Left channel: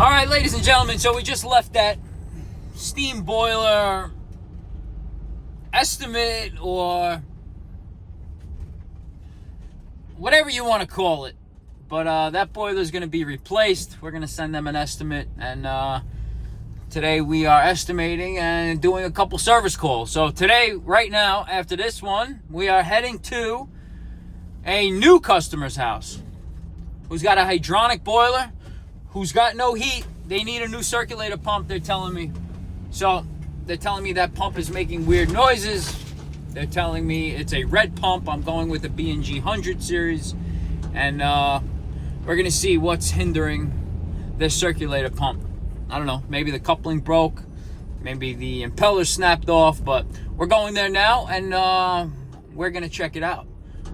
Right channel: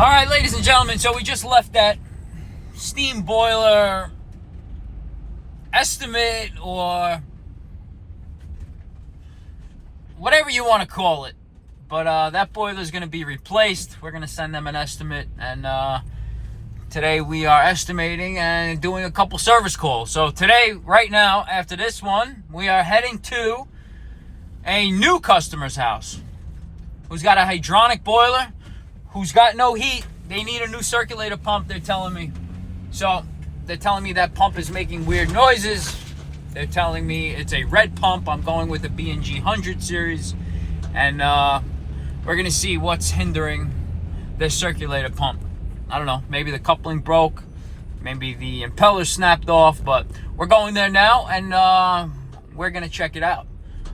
All right, ladies and gentlemen, so we just left that steam boiler estimate, or whatever you want to call it. But that boiler is going to be replaced. We're going to send them an estimate, and today we are estimating and doing a couple service calls. So today, right now, after this one, we are heading to a new customer's house who's got a hydronic boiler, who's got no heat. They need a new circulator pump, they're telling me. So they're telling me that pump is making weird noises. They're telling me it's a red pump. I'm going with the B&G 100 series. And we're going to see what's hindering this circulator pump. I don't know. Maybe the coupling broke. Maybe the impeller snapped off. But we're going there now, and we're going to check it out.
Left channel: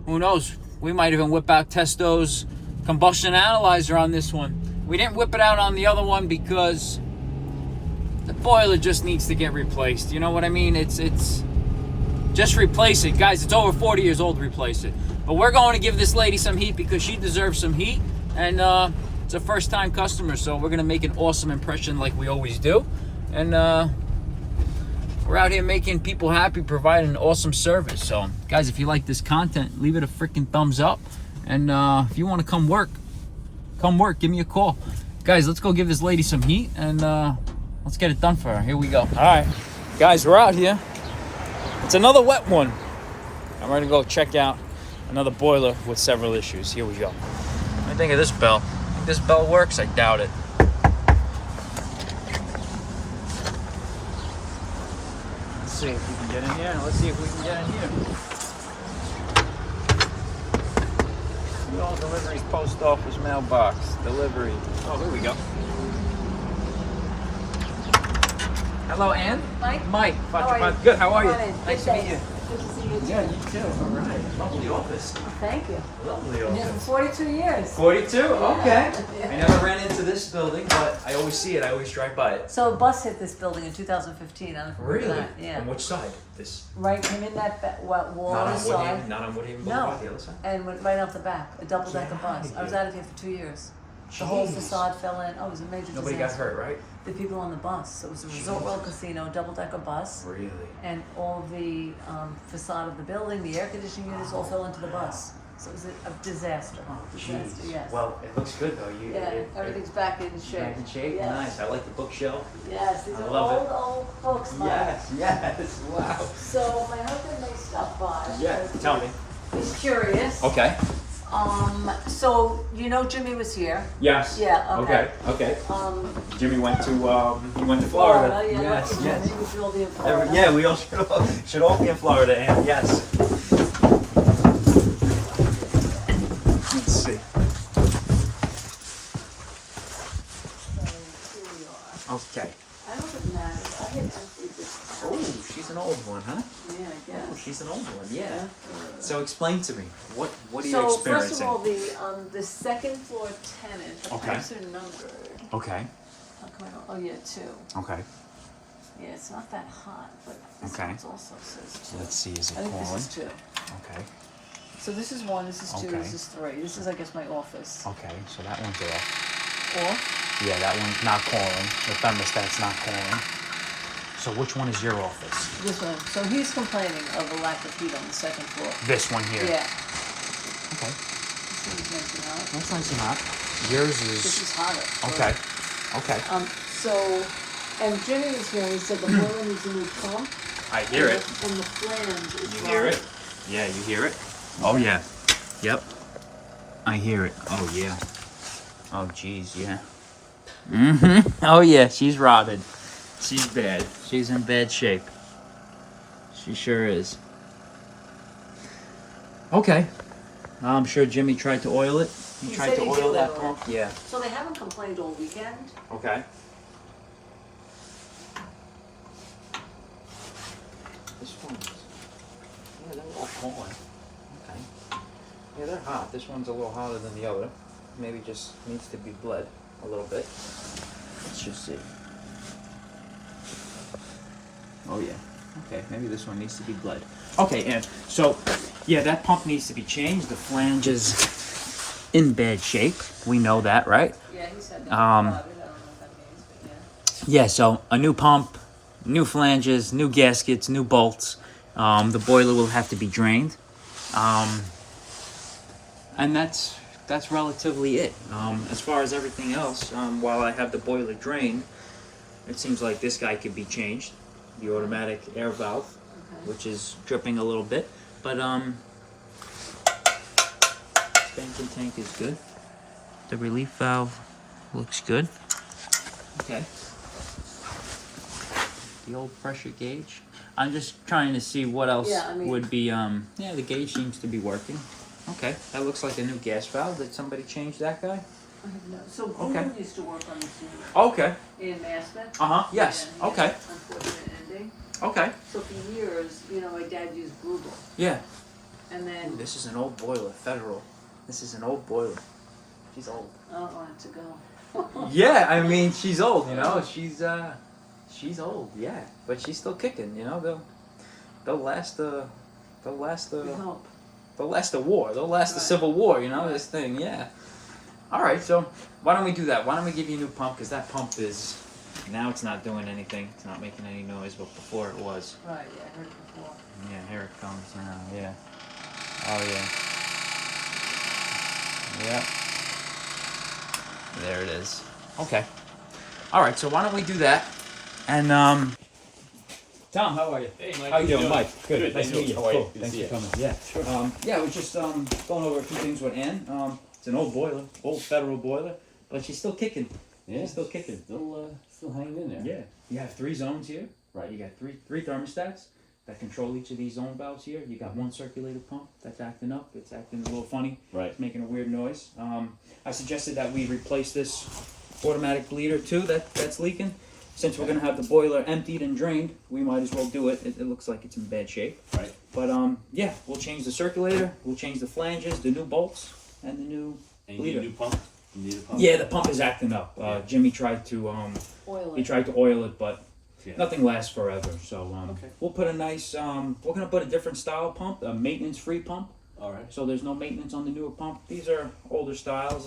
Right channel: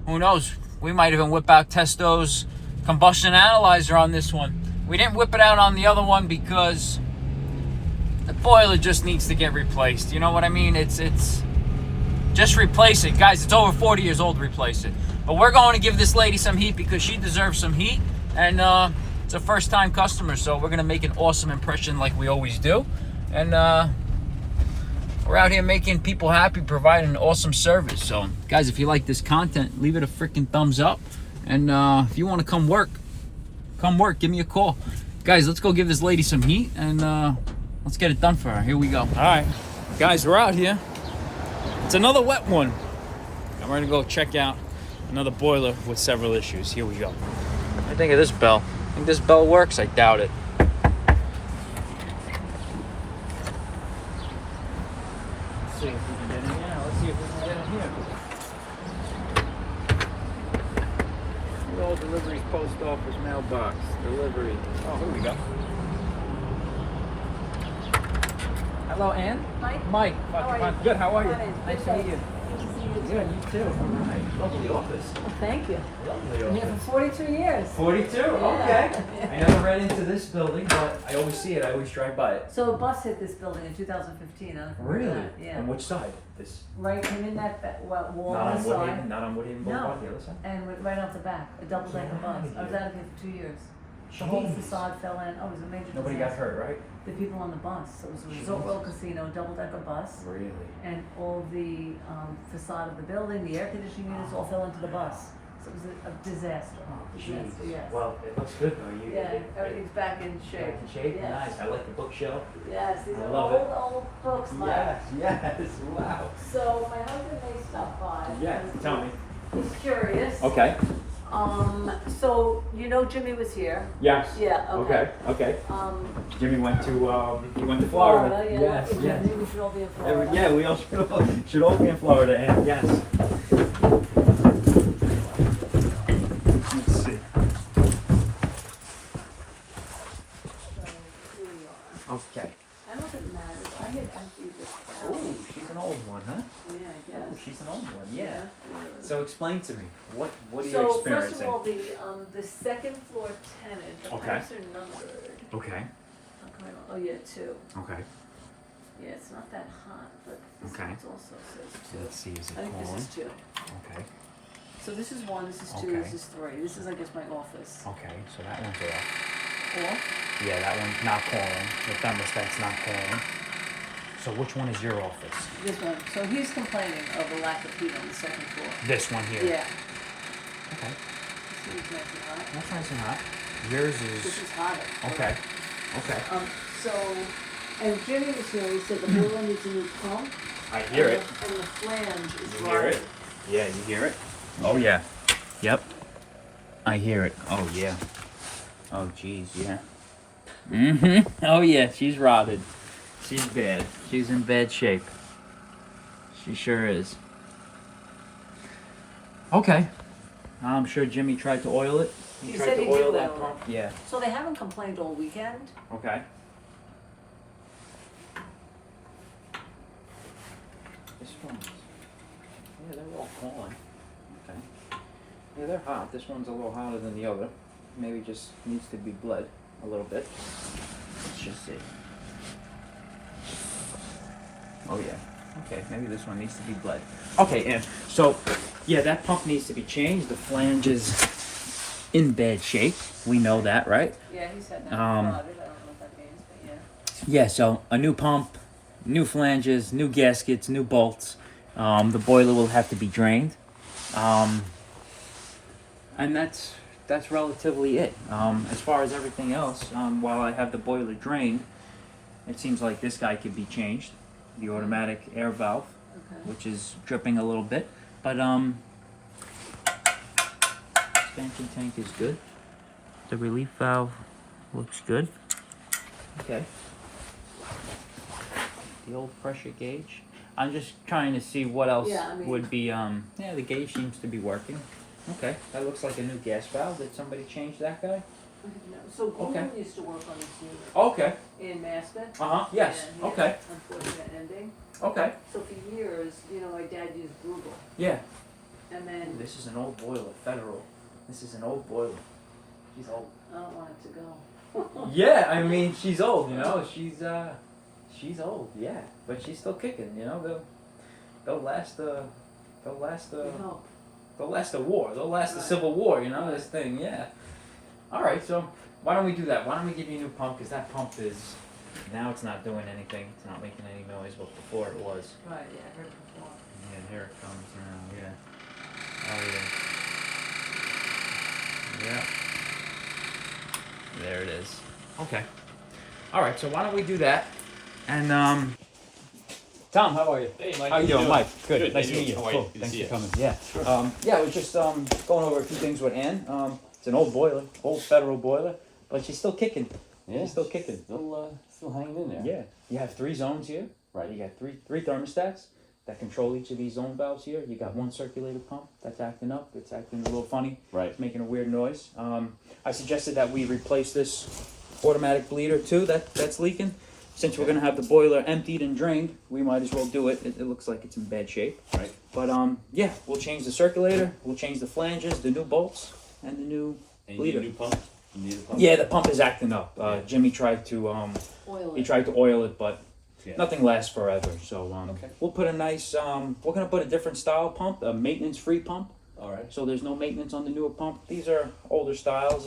Who knows? We might even whip out Testo's combustion analyzer on this one. We didn't whip it out on the other one because the boiler just needs to get replaced. You know what I mean? It's just replace it. Guys, it's over 40 years old, replace it. But we're going to give this lady some heat because she deserves some heat. And it's a first-time customer, so we're going to make an awesome impression like we always do. And we're out here making people happy, providing an awesome service. So, guys, if you like this content, leave it a freaking thumbs up. And if you want to come work, give me a call. Guys, let's go give this lady some heat, and let's get it done for her. Here we go. All right, guys, we're out here. It's another wet one. I'm ready to go check out another boiler with several issues. Here we go. What do you think of this bell? Think this bell works? I doubt it. Let's see if we can get in here. Let's see if we can get in here. All deliveries, post office, mailbox, delivery. Oh, here we go. Hello, Ann. Mike. Good. How are you? Nice to meet you. Good to see you too. Yeah, you too. All right. Lovely office. Thank you. Lovely Been here office. for 42 years. 42. Okay. Yeah. I never ran into this building, but I always see it. I always drive by it. So a bus hit this building in 2015. I don't know if you remember Really? that. Yeah. On which side? This. Right, came in that wall Not on on the side. Woodhaven. Not on Woodhaven Boulevard. The other side. And went right off the back. A double-decker Get bus. outta I was here. out of here for 2 years. The whole Jeez. facade fell in. Oh, it was a major Nobody got disaster. hurt, right? The people on the bus. So it was a Resort World Casino, double-decker bus. Really? And all of the facade of the building, the air conditioning units all fell into the bus. So it was a disaster. Disaster, Jeez. yes. Well, it looks good though. Yeah, everything's back in shape. Back in shape. Yes. Nice. I like the bookshelf. Yes, these I are love old books. Mike. Yes. Wow. So my husband may stop by. Yeah. Tell me. He's curious. Okay. So you know Jimmy was here. Yes. Yeah. Okay. Okay. Jimmy went to Florida. Yeah. Yes. Yes. We should all be in Florida. Yeah, we all should all be in Florida, and yes. Let's see. Okay. I don't think it matters. I get empty this. Oh, she's an old one, huh? Yeah, I guess. Oh, she's an old one. Yeah. So explain to me, what are you So experiencing? first of all, the second floor tenant. The Okay. pipes are numbered. Okay. Oh yeah, 2. Okay. Yeah, it's not that hot, but this Okay. one's also says 2. Let's see, is it I think calling? this is 2. Okay. So this is 1, this is 2, Okay. this is 3. This is, I guess, my office. Okay, so that one's off. 4. Yeah, that one's not calling. The thermostat's not calling. So which one is your office? This one. So he's complaining of the lack of heat on the second floor. This one here. Yeah. Okay. This one's nice and hot. That's nice and hot. Yours This is is hotter. okay. Okay. So, and Jimmy was here and he said the boiler needs a new pump. I hear it. And the flange is You hear it? rotted. Yeah, you hear it? Oh yeah. Yep. I hear it. Oh yeah. Oh geez, yeah. Oh yeah, she's rotted. She's bad. She's in bad shape. She sure is. Okay. I'm sure Jimmy tried to oil it. He tried said to he oil did that oil pump. it. Yeah. So they haven't complained all weekend. Okay. This one. Yeah, they're all calling. Okay. Yeah, they're hot. This one's a little hotter than the other. Maybe just needs to be bled a little bit. Let's just see. Oh yeah. Okay, maybe this one needs to be bled. Okay, and so yeah, that pump needs to be changed. The flange is in bad shape. We know that, right? Yeah, he said that. Um, Yeah, so a new pump, new flanges, new gaskets, new bolts. The boiler will have to be drained. And that's relatively it. As far as everything else, while I have the boiler drained, it seems like this guy could be changed. The automatic air valve, which is dripping a little bit. But expansion tank is good. The relief valve looks good. Okay. The old pressure gauge. I'm just trying to see what else would be, yeah, the gauge seems to be working. Okay, that looks like a new gas valve. Did somebody change that guy? So Bloom used to work on this unit. Okay. In Maspeth. Yes. Yeah, Okay. Unfortunate ending. Okay. So for years, my dad used Blue. Yeah. And then. Ooh, this is an old boiler, Federal. This is an old boiler. She's old. I don't want it to go. Yeah, I mean, she's old, she's old, yeah, but she's still kicking, they'll last the war, they'll last the Civil War, this thing, yeah. All right, so why don't we do that? Why don't we give you a new pump, because that pump is, now it's not doing anything, it's not making any noise, but before it was. Right, yeah, I heard it before. Yeah, here it comes now, yeah. Oh, yeah. Yeah. There it is. Okay. All right, so why don't we do that? And, Tom, how are you? Hey, Mike. How you doing, Mike? Good. Nice to meet you. How are you? Good to Thanks see for you. coming. Yeah. Sure. Yeah, we're just going over a few things with Ann. It's an old boiler, old Federal boiler, but she's still kicking. Yeah, She's still kicking. Still hanging in there. Yeah. You have 3 zones here. Right. You got three thermostats that control each of these zone valves here. You got one circulator pump that's acting up. It's acting a little funny. Right. It's making a weird noise. I suggested that we replace this automatic bleeder too that's leaking. Since we're gonna have the boiler emptied and drained, we might as well do it. It looks like it's in bad shape. Right. But yeah, we'll change the circulator, we'll change the flanges, the new bolts, and the new And you bleeder. need a new pump? You need a pump? Yeah, the pump is acting up. Yeah. Jimmy tried to Oil he it. tried to oil it, but Yeah. nothing lasts forever. So Okay. we'll put a nice we're gonna put a different style pump, a maintenance free pump. All right. So there's no maintenance on the newer pump. These are older styles.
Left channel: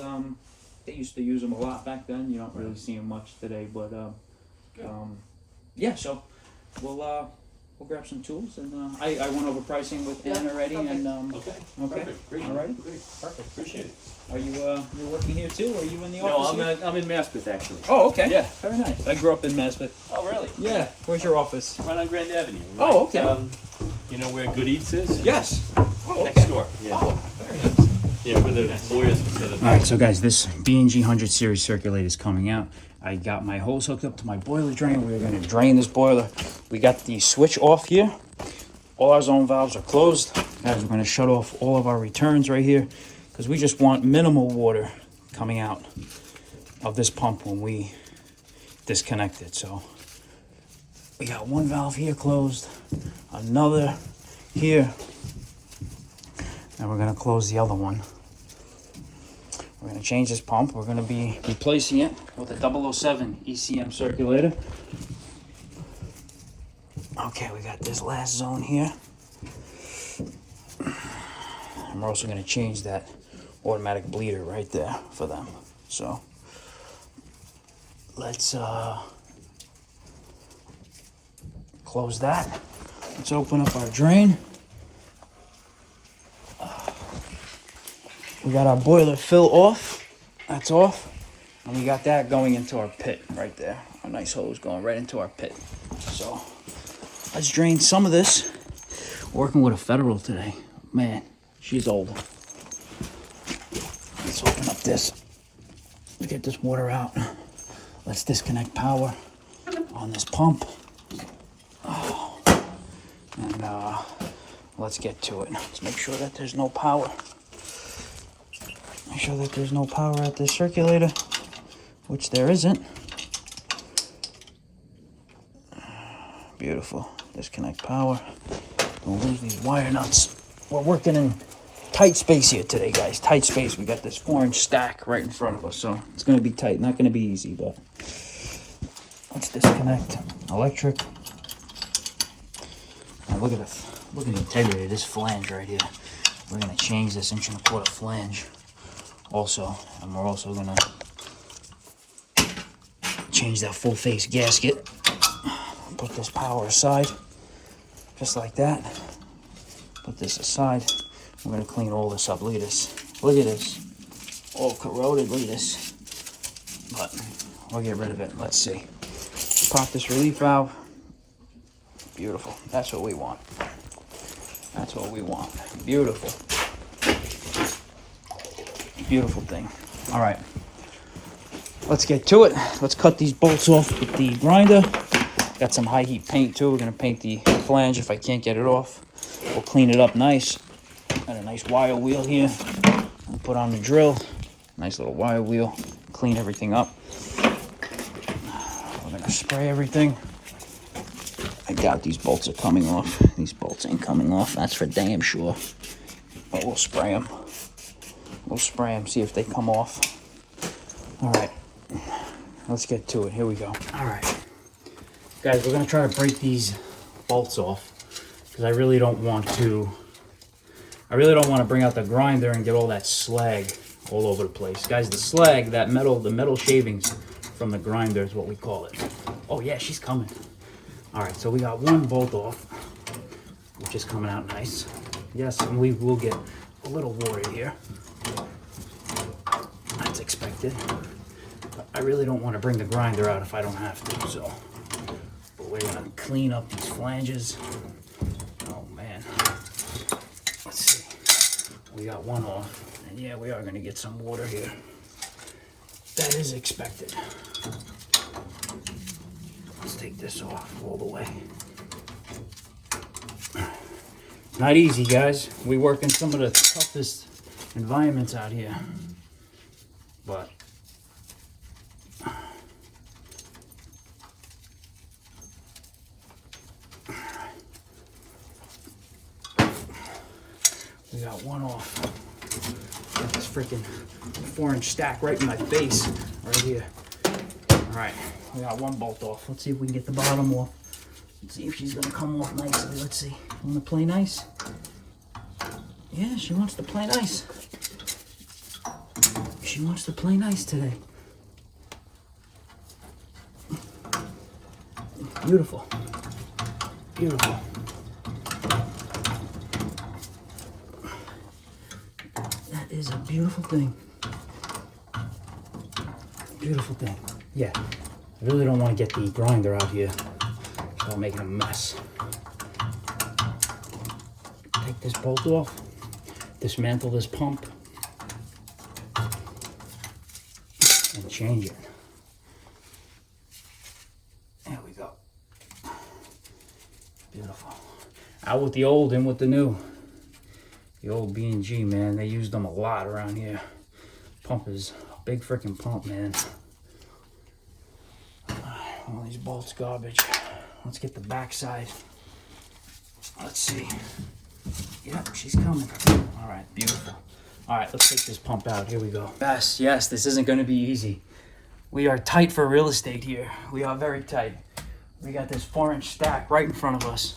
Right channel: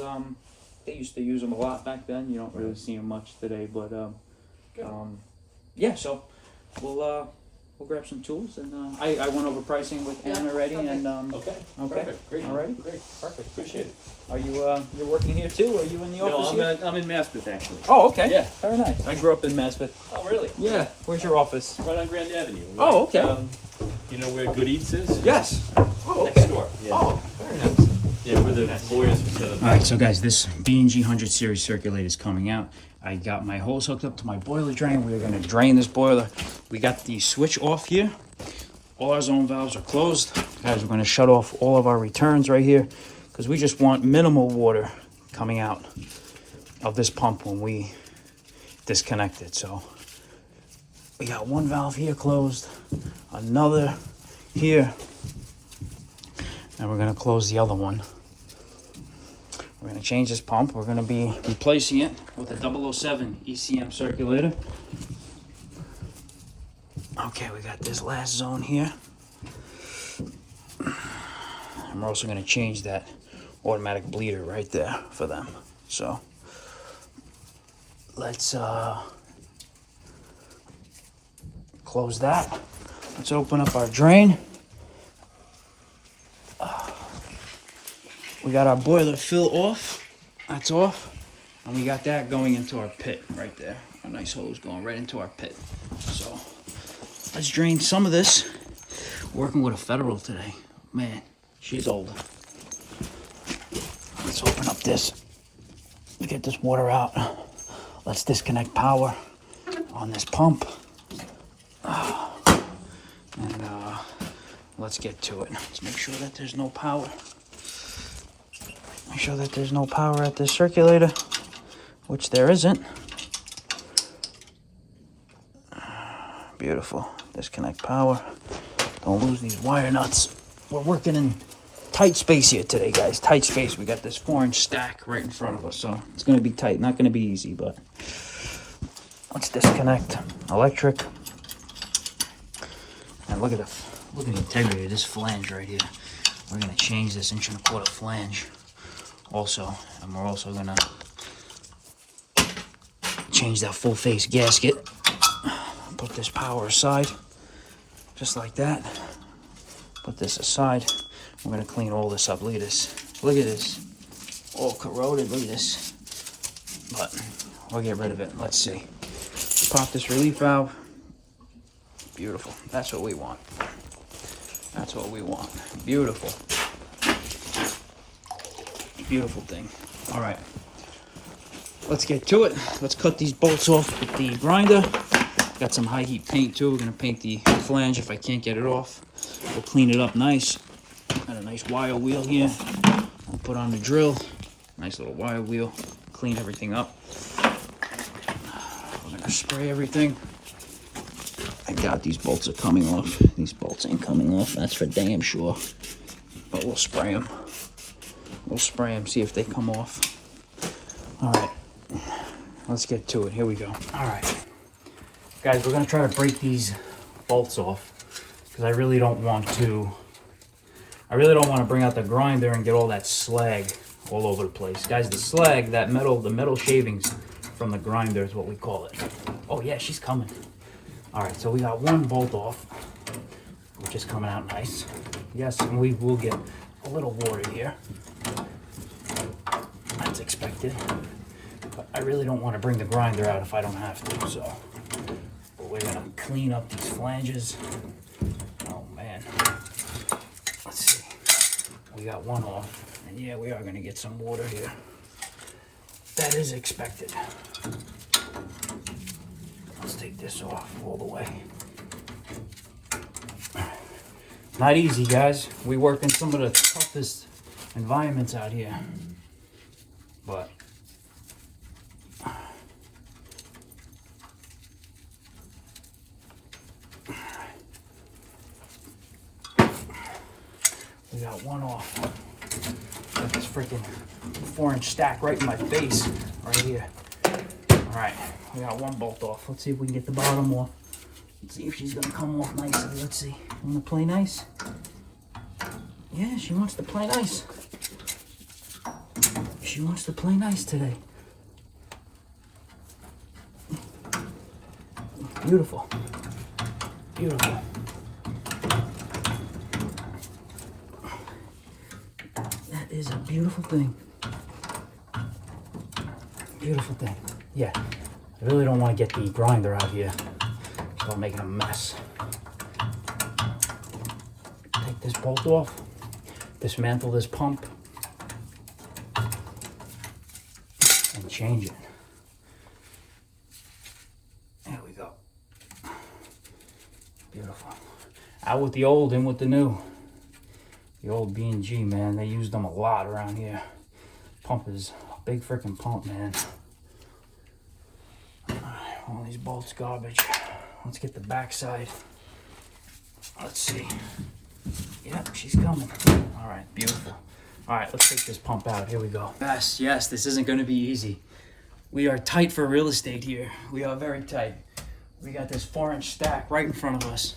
They used to use them a lot back then. You don't really see them much today, but yeah. So we'll grab some tools, and I went over pricing with Ann already, and Okay. Okay. Perfect. Great. All right. Great. Perfect. Appreciate it. are you you're working here too? Or are you in the No, office here? I'm in Maspeth actually. Oh, okay. Yeah. Very nice. I grew up in Maspeth. Oh, really? Yeah. Where's your office? Right on Grand Avenue. Oh, okay. You know where Good Eats is? Yes. Oh, Next door. Yeah. Oh, very nice. Yeah, where the lawyers set up. All right, so guys, this B&G 100 series circulator is coming out. I got my hose hooked up to my boiler drain. We're gonna drain this boiler. We got the switch off here. All our zone valves are closed. Guys, we're gonna shut off all of our returns right here because we just want minimal water coming out of this pump when we disconnect it. So we got one valve here closed, another here, and we're gonna close the other one. We're gonna change this pump. We're gonna be replacing it with a 007 ECM circulator. Okay, we got this last zone here. And we're also gonna change that automatic bleeder right there for them. So let's close that. Let's open up our drain. We got our boiler fill off. That's off. And we got that going into our pit right there. A nice hose going right into our pit. So let's drain some of this. Working with a Federal today. Man, she's old. Let's open up this. Let's get this water out. Let's disconnect power on this pump. And let's get to it. Let's make sure that there's no power. Make sure that there's no power at this circulator, which there isn't. Beautiful. Disconnect power. Don't lose these wire nuts. We're working in tight space here today, guys. Tight space. We got this 4-inch stack right in front of us, so it's going to be tight. Not going to be easy, but let's disconnect electric. And look at the integrity of this flange right here. We're going to change this 1.25-inch flange also, and we're also going to change that full face gasket. Put this power aside, just like that. Put this aside. We're gonna clean all this up. Look at this. Look at this. All corroded. Look at this. But we'll get rid of it. Let's see. Pop this relief valve. Beautiful. That's what we want. That's what we want. Beautiful. Beautiful thing. All right. Let's get to it. Let's cut these bolts off with the grinder. Got some high heat paint too. We're gonna paint the flange if I can't get it off. We'll clean it up nice. Got a nice wire wheel here. Put on the drill. Nice little wire wheel. Clean everything up. We're gonna spray everything. I doubt these bolts are coming off. These bolts ain't coming off. That's for damn sure. But we'll spray them. We'll spray them. See if they come off. All right. Let's get to it. Here we go. All right. Guys, we're gonna try to break these bolts off because I really don't want to bring out the grinder and get all that slag all over the place. Guys, the slag, the metal shavings from the grinder is what we call it. Oh yeah, she's coming. All right, so we got one bolt off, which is coming out nice. Yes, and we will get a little water here. That's expected. But I really don't want to bring the grinder out if I don't have to, so. But we're gonna clean up these flanges. Oh man. Let's see. We got one off. And yeah, we are gonna get some water here. That is expected. Let's take this off all the way. Not easy, guys. We work in some of the toughest environments out here. But we got one off. Got this freaking 4-inch stack right in my face, right here. All right, we got one bolt off. Let's see if we can get the bottom off. Let's see if she's gonna come off nicely. Let's see. You wanna play nice? Yeah, she wants to play nice. She wants to play nice today. Beautiful. Beautiful. That is a beautiful thing. Beautiful thing. Yeah. I really don't want to get the grinder out here. So I'm making a mess. Take this bolt off. Dismantle this pump. And change it. There we go. Beautiful. Out with the old, in with the new. The old B&G, man, they used them a lot around here. Pump is a big freaking pump, man. All these bolts garbage. Let's get the backside. Let's see. Yep, she's coming. All right, beautiful. All right, let's take this pump out. Here we go. Yes, this isn't going to be easy. We are tight for real estate here. We are very tight. We got this 4-inch stack right in front of us.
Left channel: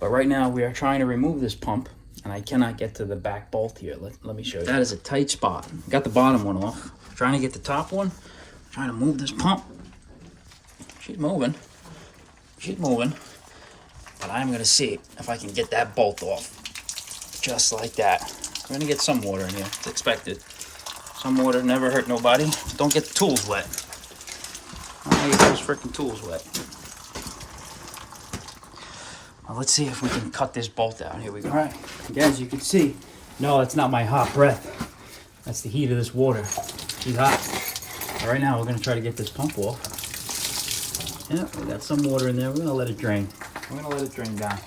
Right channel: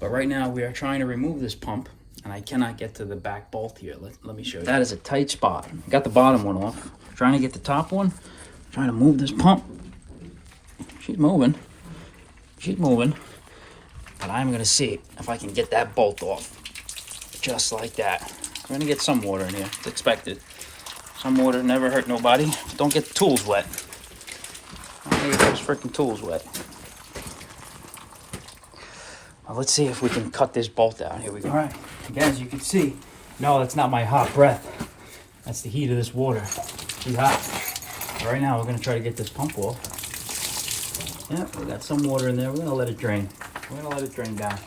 But right now we are trying to remove this pump and I cannot get to the back bolt here. Let me show you. That is a tight spot. Got the bottom one off. Trying to get the top one. Trying to move this pump. She's moving. She's moving. But I'm going to see if I can get that bolt off. Just like that. We're going to get some water in here. It's expected. Some water never hurt nobody. Don't get the tools wet. Don't get those freaking tools wet. Well, let's see if we can cut this bolt out. Here we go. All right. Again, as you can see, no, that's not my hot breath. That's the heat of this water. She's hot. All right, now we're going to try to get this pump off. Yeah, we got some water in there. We're going to let it drain. We're going to let it drain down.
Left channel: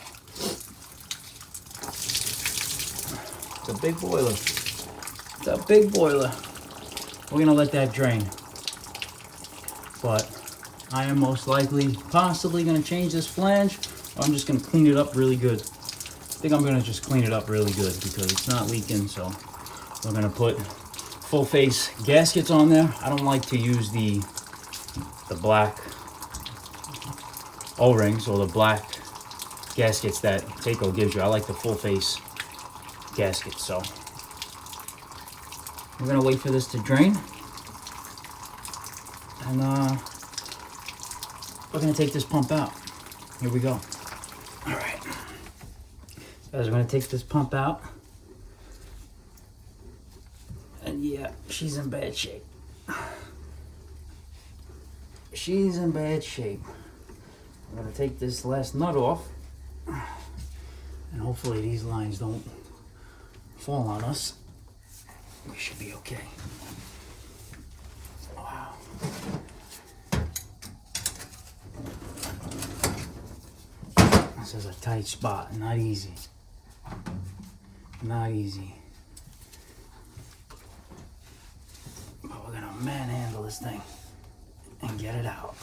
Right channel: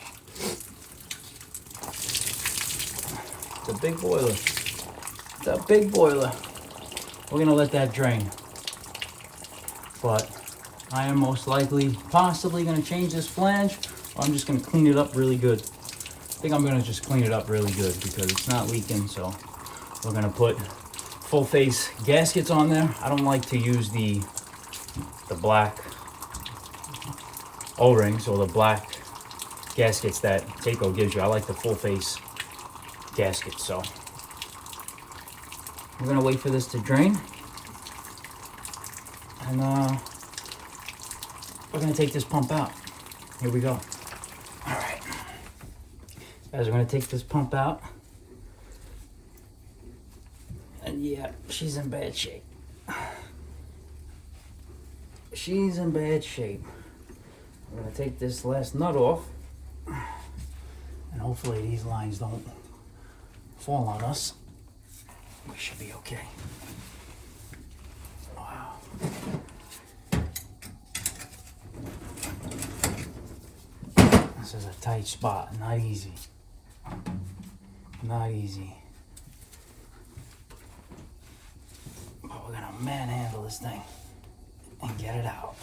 It's a big boiler. It's a big boiler. We're going to let that drain. But I am most likely, possibly going to change this flange. I'm just going to clean it up really good. I think I'm going to just clean it up really good because it's not leaking. So we're going to put full face gaskets on there. I don't like to use the black O-rings or the black gaskets that Taco gives you. I like the full face gaskets. So we're going to wait for this to drain. And we're gonna take this pump out. Here we go. All right, guys, we're gonna take this pump out. And yeah, she's in bad shape. She's in bad shape. We're gonna take this last nut off. And hopefully these lines don't fall on us. We should be okay. Wow. This is a tight spot, not easy. Not easy. But we're gonna manhandle this thing and get it out.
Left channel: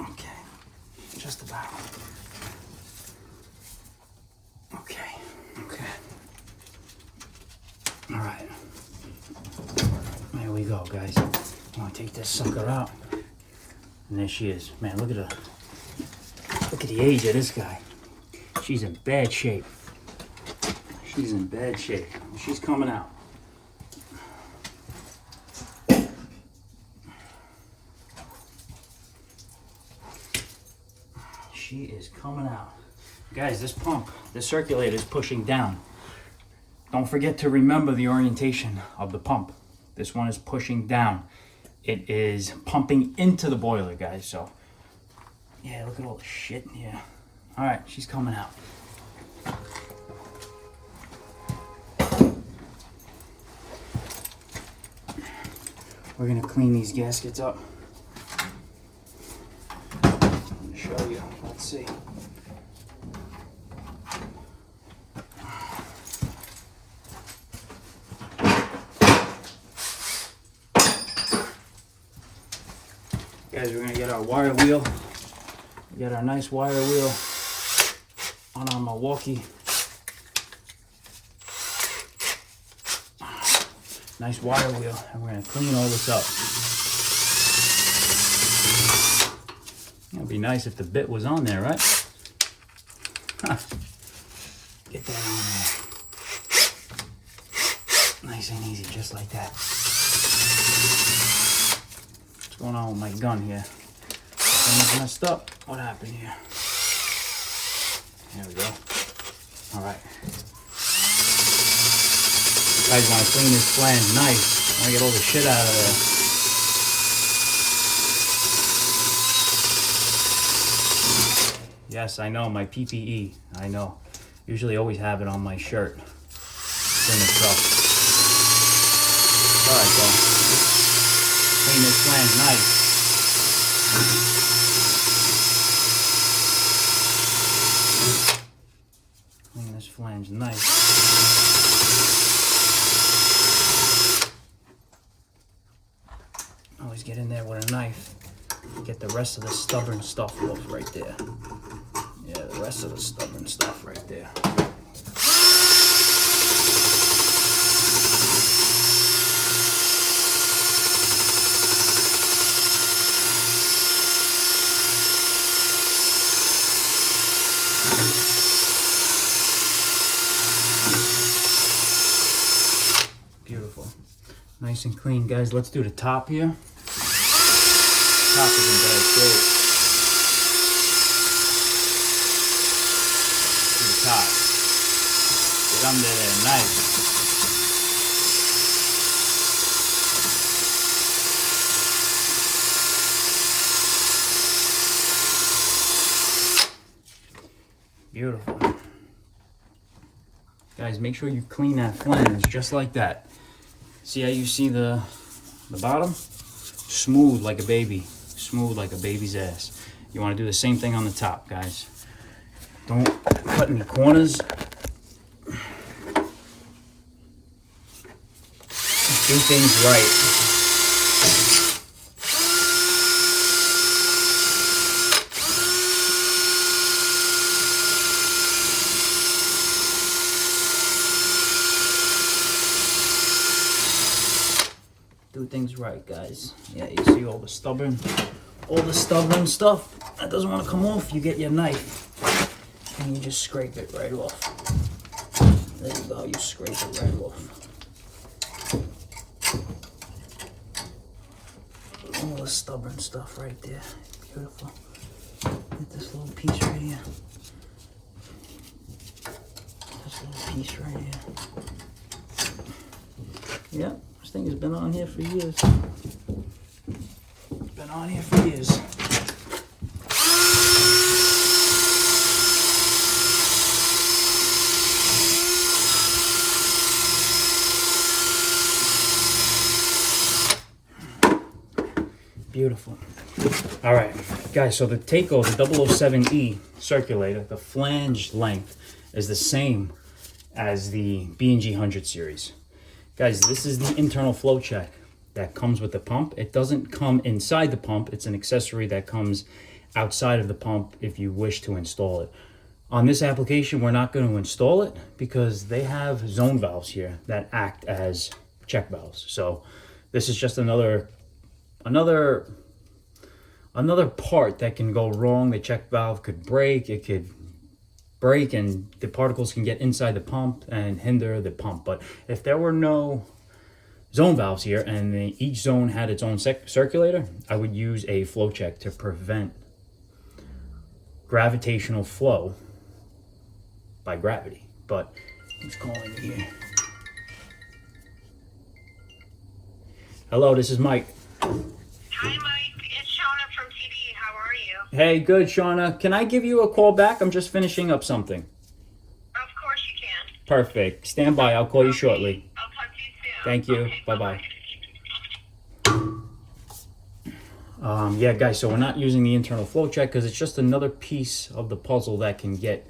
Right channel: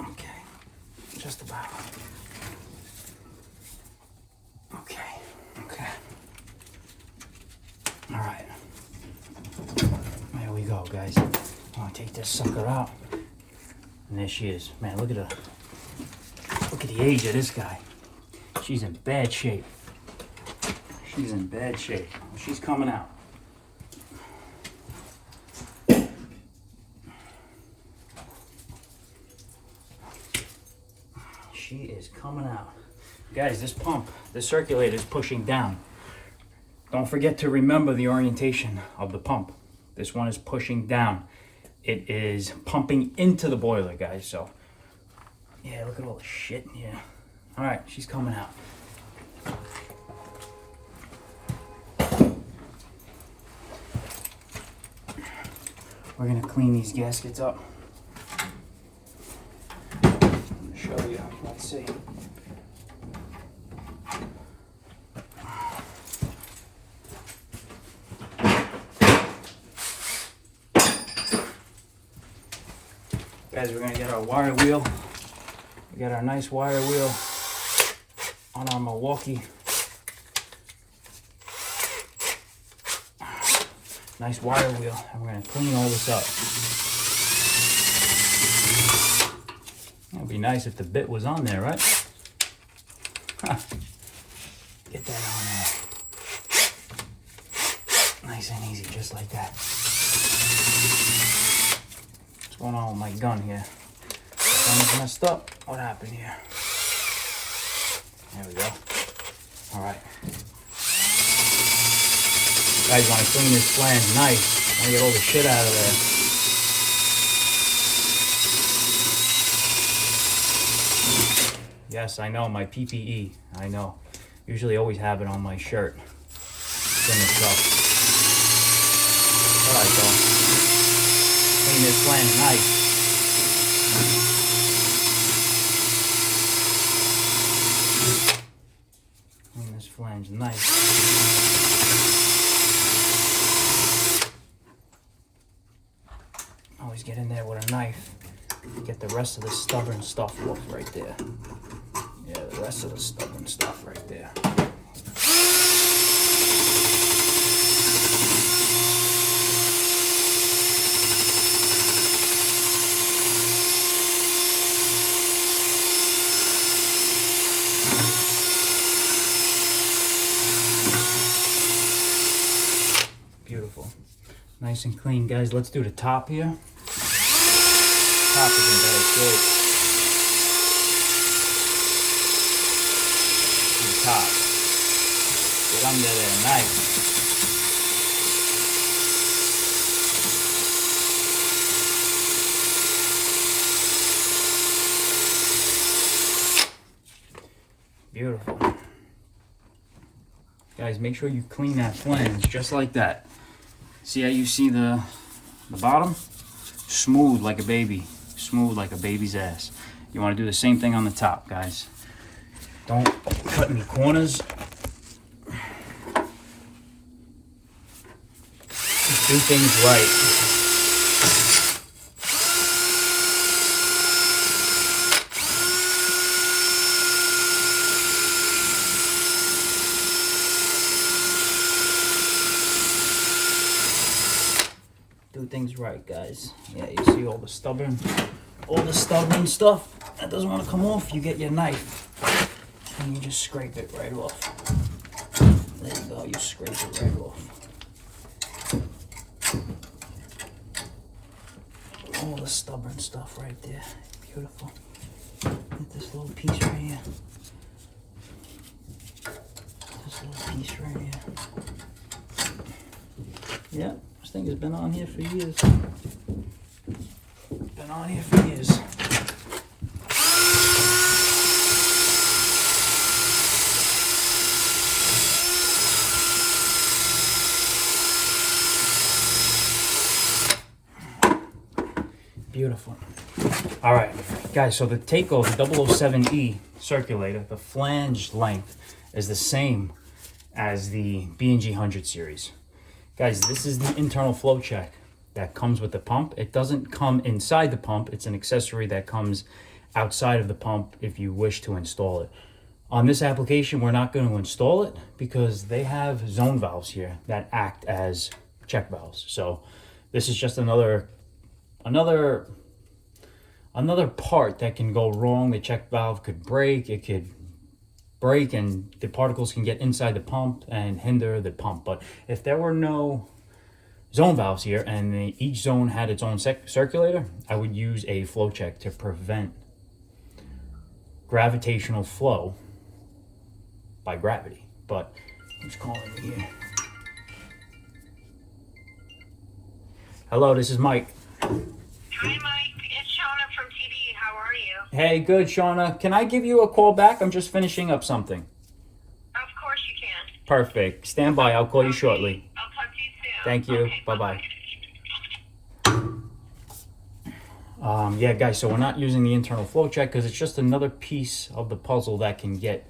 Okay, just about. Okay, okay. All right. Here we go, guys. I'm gonna take this sucker out. And there she is. Man, look at her. Look at the age of this guy. She's in bad shape. She's in bad shape. She's coming out. She is coming out. Guys, this pump, the circulator is pushing down. Don't forget to remember the orientation of the pump. This one is pushing down. It is pumping into the boiler, guys. So, yeah, look at all the shit in here. All right, she's coming out. We're gonna clean these gaskets up. Show you. Let's see. Guys, we're gonna get our wire wheel. We got our nice wire wheel on our Milwaukee. Nice wire wheel, and we're gonna clean all this up. It'd be nice if the bit was on there, right? Huh. Get that on there. Nice and easy, just like that. What's going on with my gun here? Gun is messed up. What happened here? There we go. All right. You guys want to clean this flange nice. I want to get all the shit out of there. Yes, I know, my PPE. I know. Usually always have it on my shirt. Clean this up. Alright, go. Clean this flange nice. Clean this flange nice. Always get in there with a knife. Get the rest of the stubborn stuff off right there. Yeah, the rest of the stubborn stuff right there. Beautiful. Nice and clean, guys. Let's do the top here. Top is in bad shape. To the top. Get under there, nice. Beautiful. Guys, make sure you clean that flange just like that. See how you see the bottom? Smooth like a baby. Smooth like a baby's ass. You want to do the same thing on the top, guys. Don't cut any corners. Just do things right. Do things right, guys. Yeah, you see all the stubborn stuff that doesn't want to come off. You get your knife and you just scrape it right off. There you go, you scrape it right off. All the stubborn stuff right there. Beautiful. Get this little piece right here. This little piece right here. Yep, this thing has been on here for years. Been on here for years. Beautiful. All right, guys, so the takeover 007E circulator, the flange length is the same as the B&G 100 series. Guys, this is the internal flow check that comes with the pump. It doesn't come inside the pump. It's an accessory that comes outside of the pump if you wish to install it. On this application, we're not going to install it because they have zone valves here that act as check valves. So this is just another part that can go wrong. The check valve could break, it could break, and the particles can get inside the pump and hinder the pump. But if there were no zone valves here and each zone had its own circulator, I would use a flow check to prevent gravitational flow by gravity. But who's calling here? Hello, this is Mike. Hi, Mike. It's Shauna from TD. How are you? Hey, good, Shauna. Can I give you a call back? I'm just finishing up something. Of course you can. Perfect. Stand by. I'll call you shortly. I'll talk to you soon. Thank you. Okay, Bye-bye. Yeah, guys, so we're not using the internal flow check because it's just another piece of the puzzle that can get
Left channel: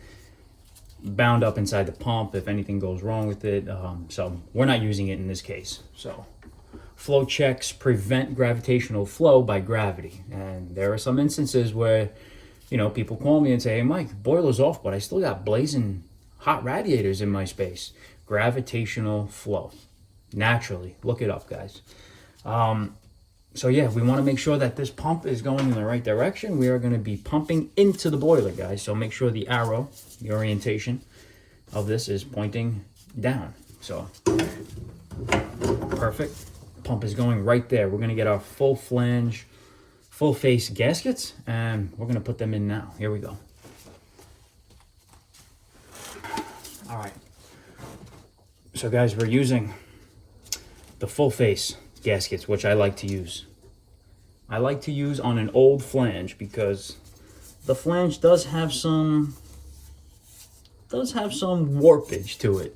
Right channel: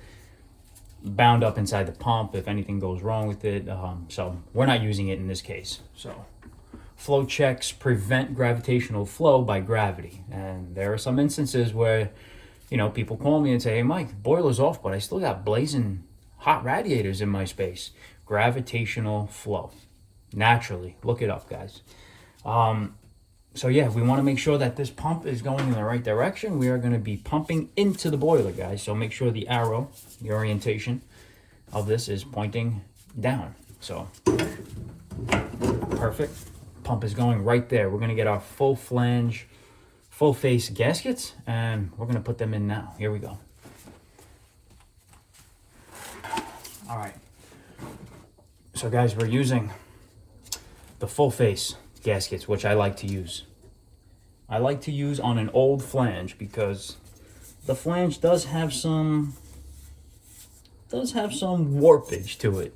bound up inside the pump if anything goes wrong with it. So we're not using it in this case. So flow checks prevent gravitational flow by gravity. And there are some instances where, you know, people call me and say, hey, Mike, boiler's off, but I still got blazing hot radiators in my space. Gravitational flow. Naturally. Look it up, guys. So yeah, we want to make sure that this pump is going in the right direction. We are going to be pumping into the boiler, guys. So make sure the arrow, the orientation of this is pointing down. So perfect. Pump is going right there. We're going to get our full flange, full face gaskets, and we're going to put them in now. Here we go. All right. So guys, we're using the full face gaskets, which I like to use. I like to use on an old flange because the flange does have some warpage to it.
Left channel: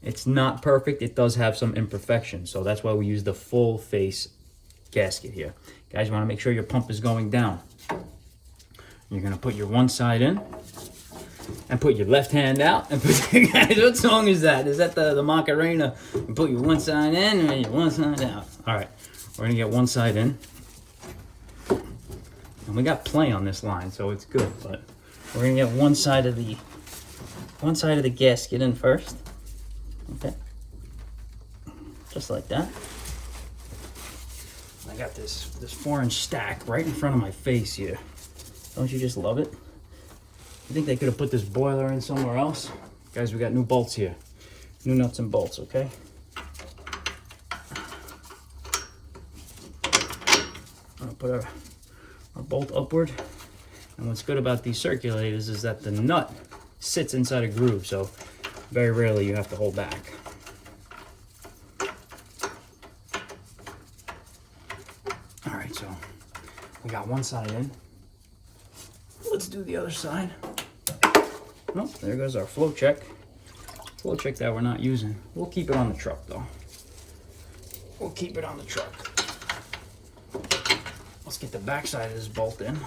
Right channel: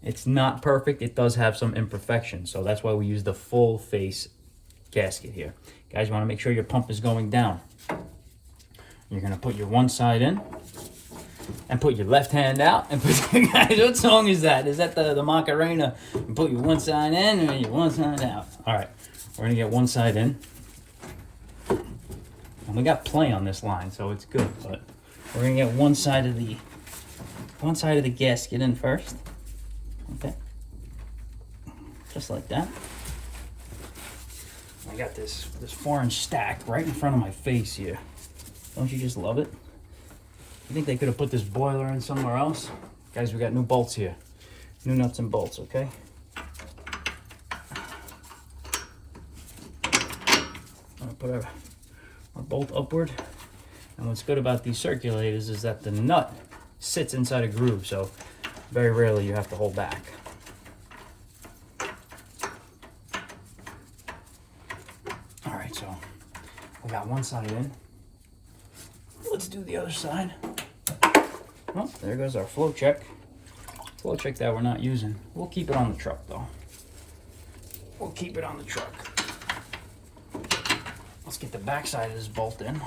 It's not perfect. It does have some imperfections. So that's why we use the full face gasket here. Guys, you want to make sure your pump is going down. You're going to put your one side in and put your left hand out. And put, guys, what song is that? Is that the Macarena? And put your one side in and your one side out. All right, we're going to get one side in. And we got play on this line, so it's good. But we're going to get one side of the gasket in first. Okay, just like that. I got this 4-inch stack right in front of my face here. Don't you just love it? You think they could have put this boiler in somewhere else? Guys, we got new bolts here. New nuts and bolts, okay? I'll put our bolt upward. And what's good about these circulators is that the nut sits inside a groove, so very rarely you have to hold back. All right, so we got one side in. Let's do the other side. Oh, there goes our flow check. Flow check that we're not using. We'll keep it on the truck though. We'll keep it on the truck. Let's get the back side of this bolt in.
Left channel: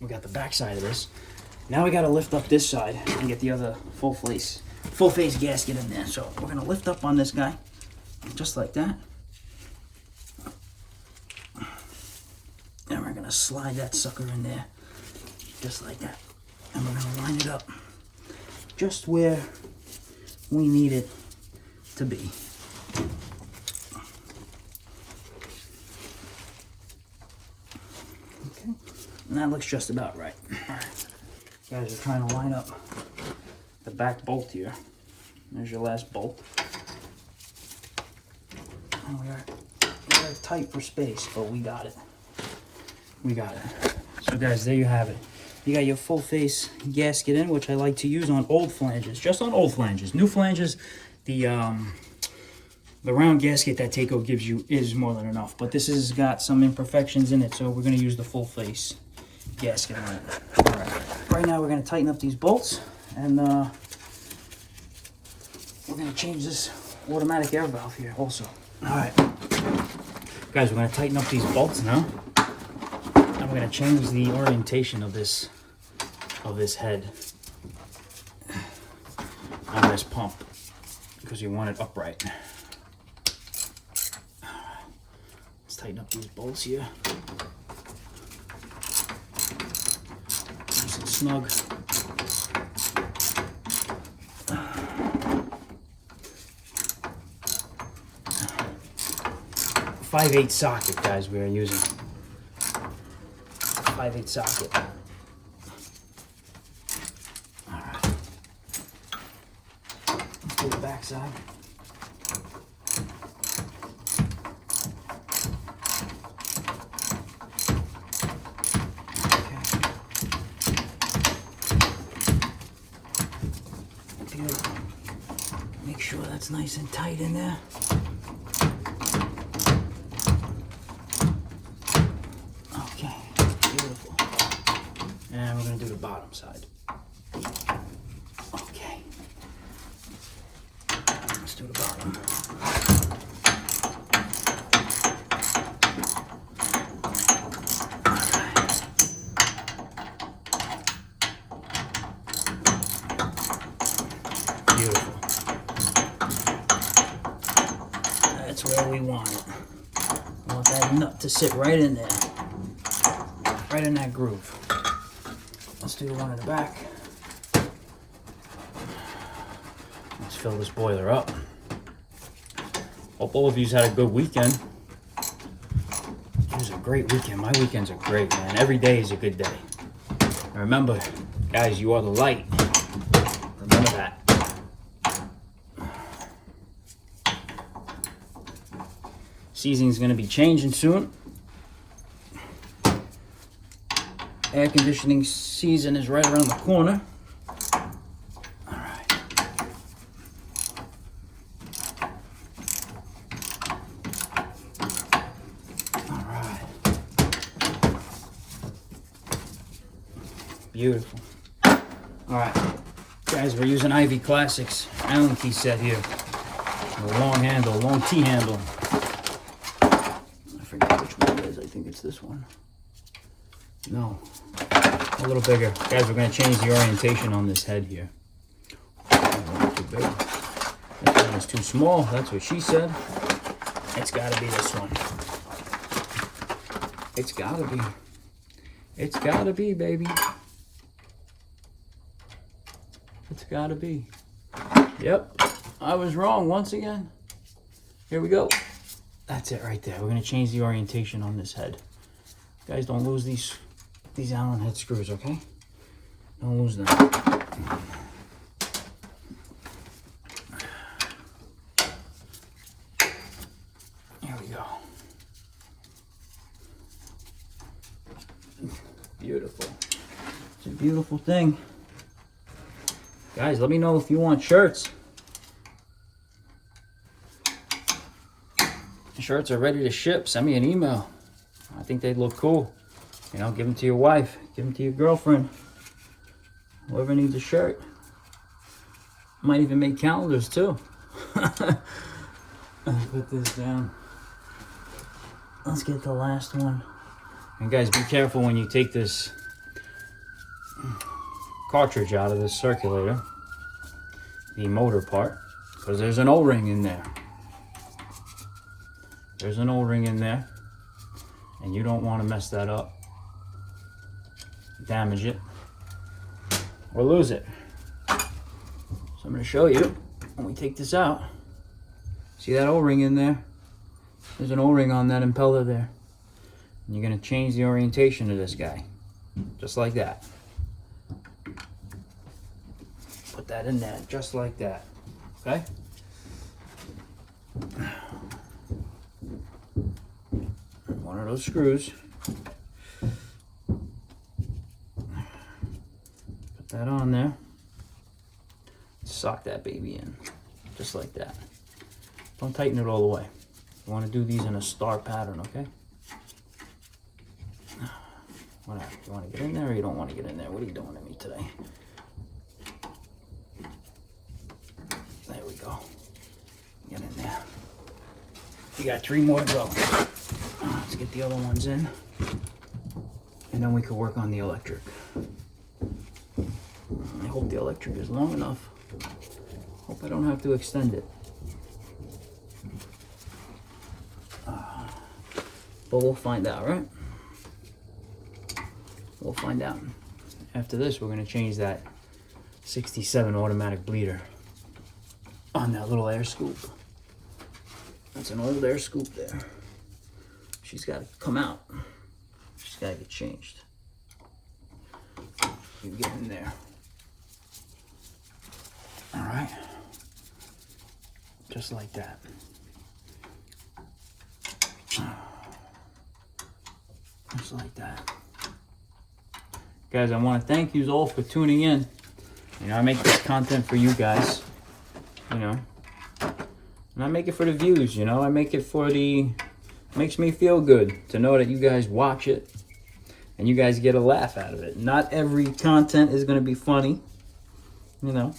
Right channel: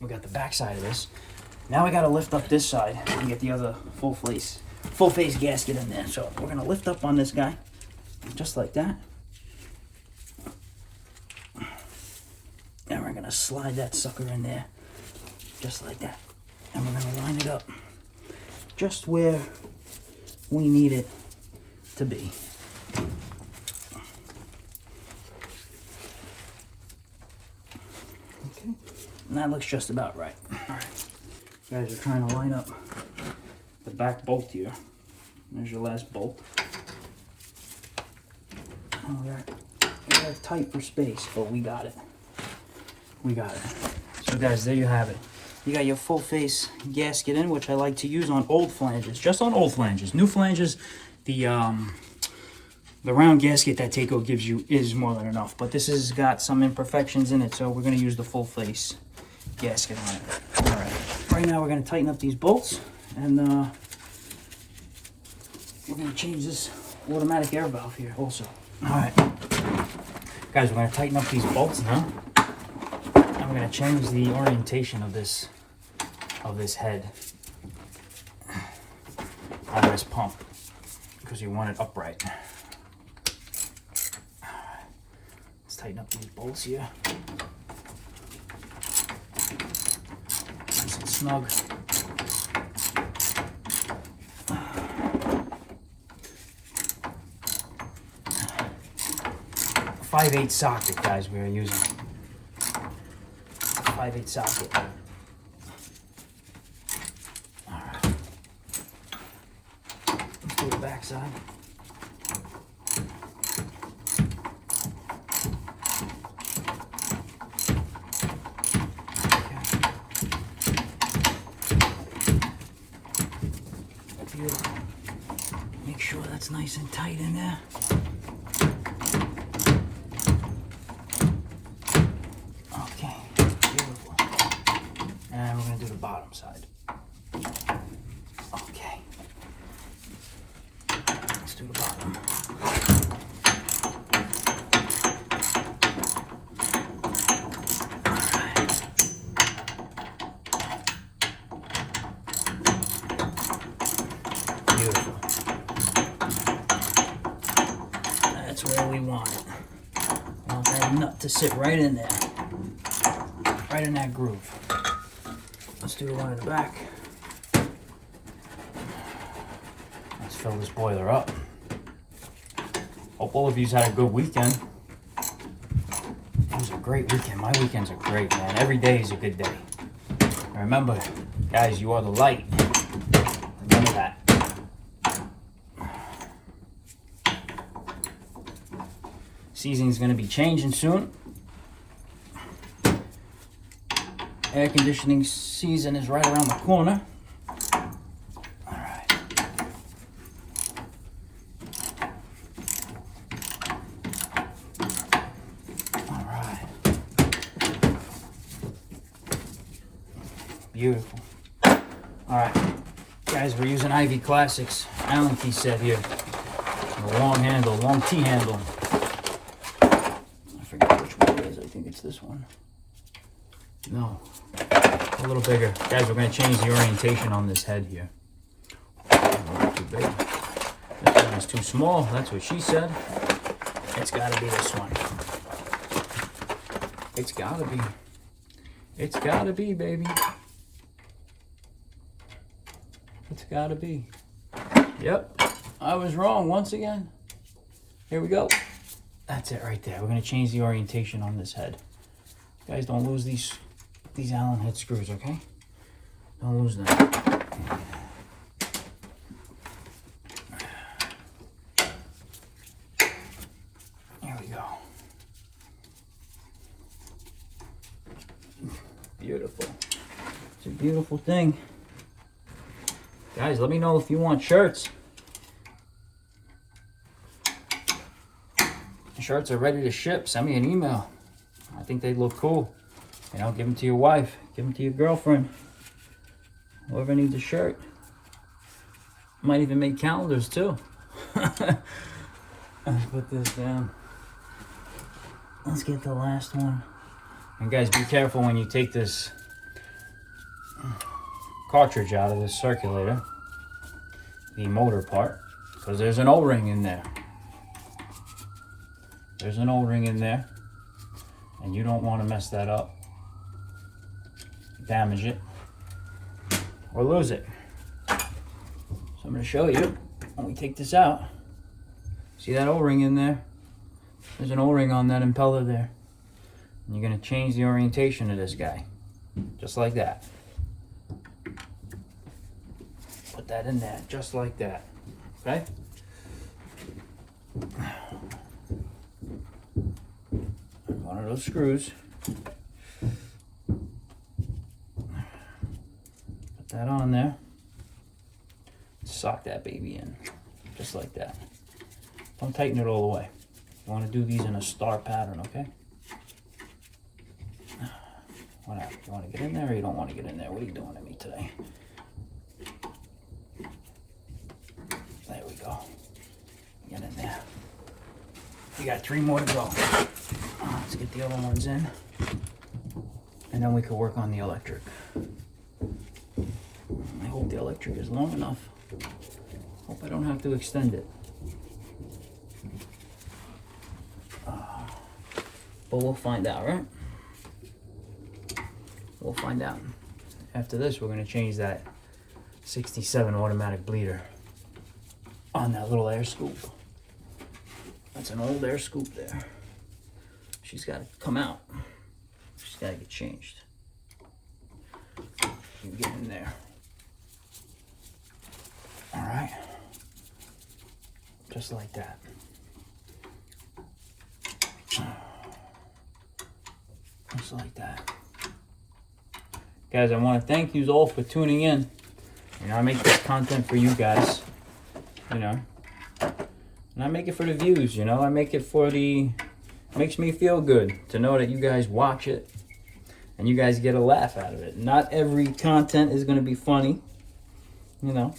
We got the back side of this. Now we got to lift up this side and get the other full face gasket in there. So we're going to lift up on this guy, just like that. And we're going to slide that sucker in there, just like that. And we're going to line it up just where we need it to be. And that looks just about right. All right. Guys, we're trying to line up the back bolt here. There's your last bolt. Oh, we're tight for space, but we got it. We got it. So guys, there you have it. You got your full face gasket in, which I like to use on old flanges. Just on old flanges. New flanges, the round gasket that Taco gives you is more than enough. But this has got some imperfections in it, so we're going to use the full face gasket on it. All right. Right now we're going to tighten up these bolts, and we're going to change this automatic air valve here also. All right. Guys, we're going to tighten up these bolts now. And we're going to change the orientation of this head on this pump because you want it upright. Let's tighten up these bolts here. Nice and snug. .5/8 socket, guys, we are using. 5/8 socket. Alright. Let's do the back side. Beautiful. Make sure that's nice and tight in there. Okay, beautiful. And we're going to do the bottom side. Okay. Let's do the bottom. Beautiful. That's where we want it. We want that nut to sit right in there. Right in that groove. Let's do the one in the back. Let's fill this boiler up. Hope all of you had a good weekend. It was a great weekend. My weekends are great, man. Every day is a good day. And remember, guys, you are the light. Remember that. Season's going to be changing soon. Air conditioning season is right around the corner. All right. All right. Beautiful. All right. Guys, we're using Ivy Classics Allen key set here. A long handle, long T handle. I forget which one it is. I think it's this one. No, a little bigger. Guys, we're going to change the orientation on this head here. Too big. That one was too small. That's what she said. It's got to be this one. It's got to be. It's got to be, baby. It's got to be. Yep, I was wrong once again. Here we go. That's it right there. We're going to change the orientation on this head. Guys, don't lose these Allen head screws, okay? Don't lose them. Here we go. Beautiful. It's a beautiful thing. Guys, let me know if you want shirts. The shirts are ready to ship. Send me an email. I think they'd look cool. You know, give them to your wife, give them to your girlfriend, whoever needs a shirt. Might even make calendars too. Let's put this down. Let's get the last one. And guys, be careful when you take this cartridge out of this circulator, the motor part, because there's an O-ring in there. There's an O-ring in there, and you don't want to mess that up, damage it, or lose it. So I'm going to show you when we take this out. See that O-ring in there? There's an O-ring on that impeller there. And you're going to change the orientation of this guy. just like that. Put that in there, just like that, okay? One of those screws. Put that on there. Sock that baby in, just like that. Don't tighten it all the way. You want to do these in a star pattern, okay? What happened? You want to get in there or you don't want to get in there? What are you doing to me today? There we go. Get in there. You got 3 more to go. Let's get the other ones in. And then we can work on the electric. I hope the electric is long enough. Hope I don't have to extend it. But we'll find out, right? We'll find out. After this, we're going to change that 67 automatic bleeder on that little air scoop. That's an old air scoop there. She's got to come out. She's got to get changed. You get in there. All right. Just like that. Just like that. Guys, I want to thank you all for tuning in. You know, I make this content for you guys. You know. And I make it for the views, you know. I make it for the... Makes me feel good to know that you guys watch it. And you guys get a laugh out of it. Not every content is going to be funny. You know.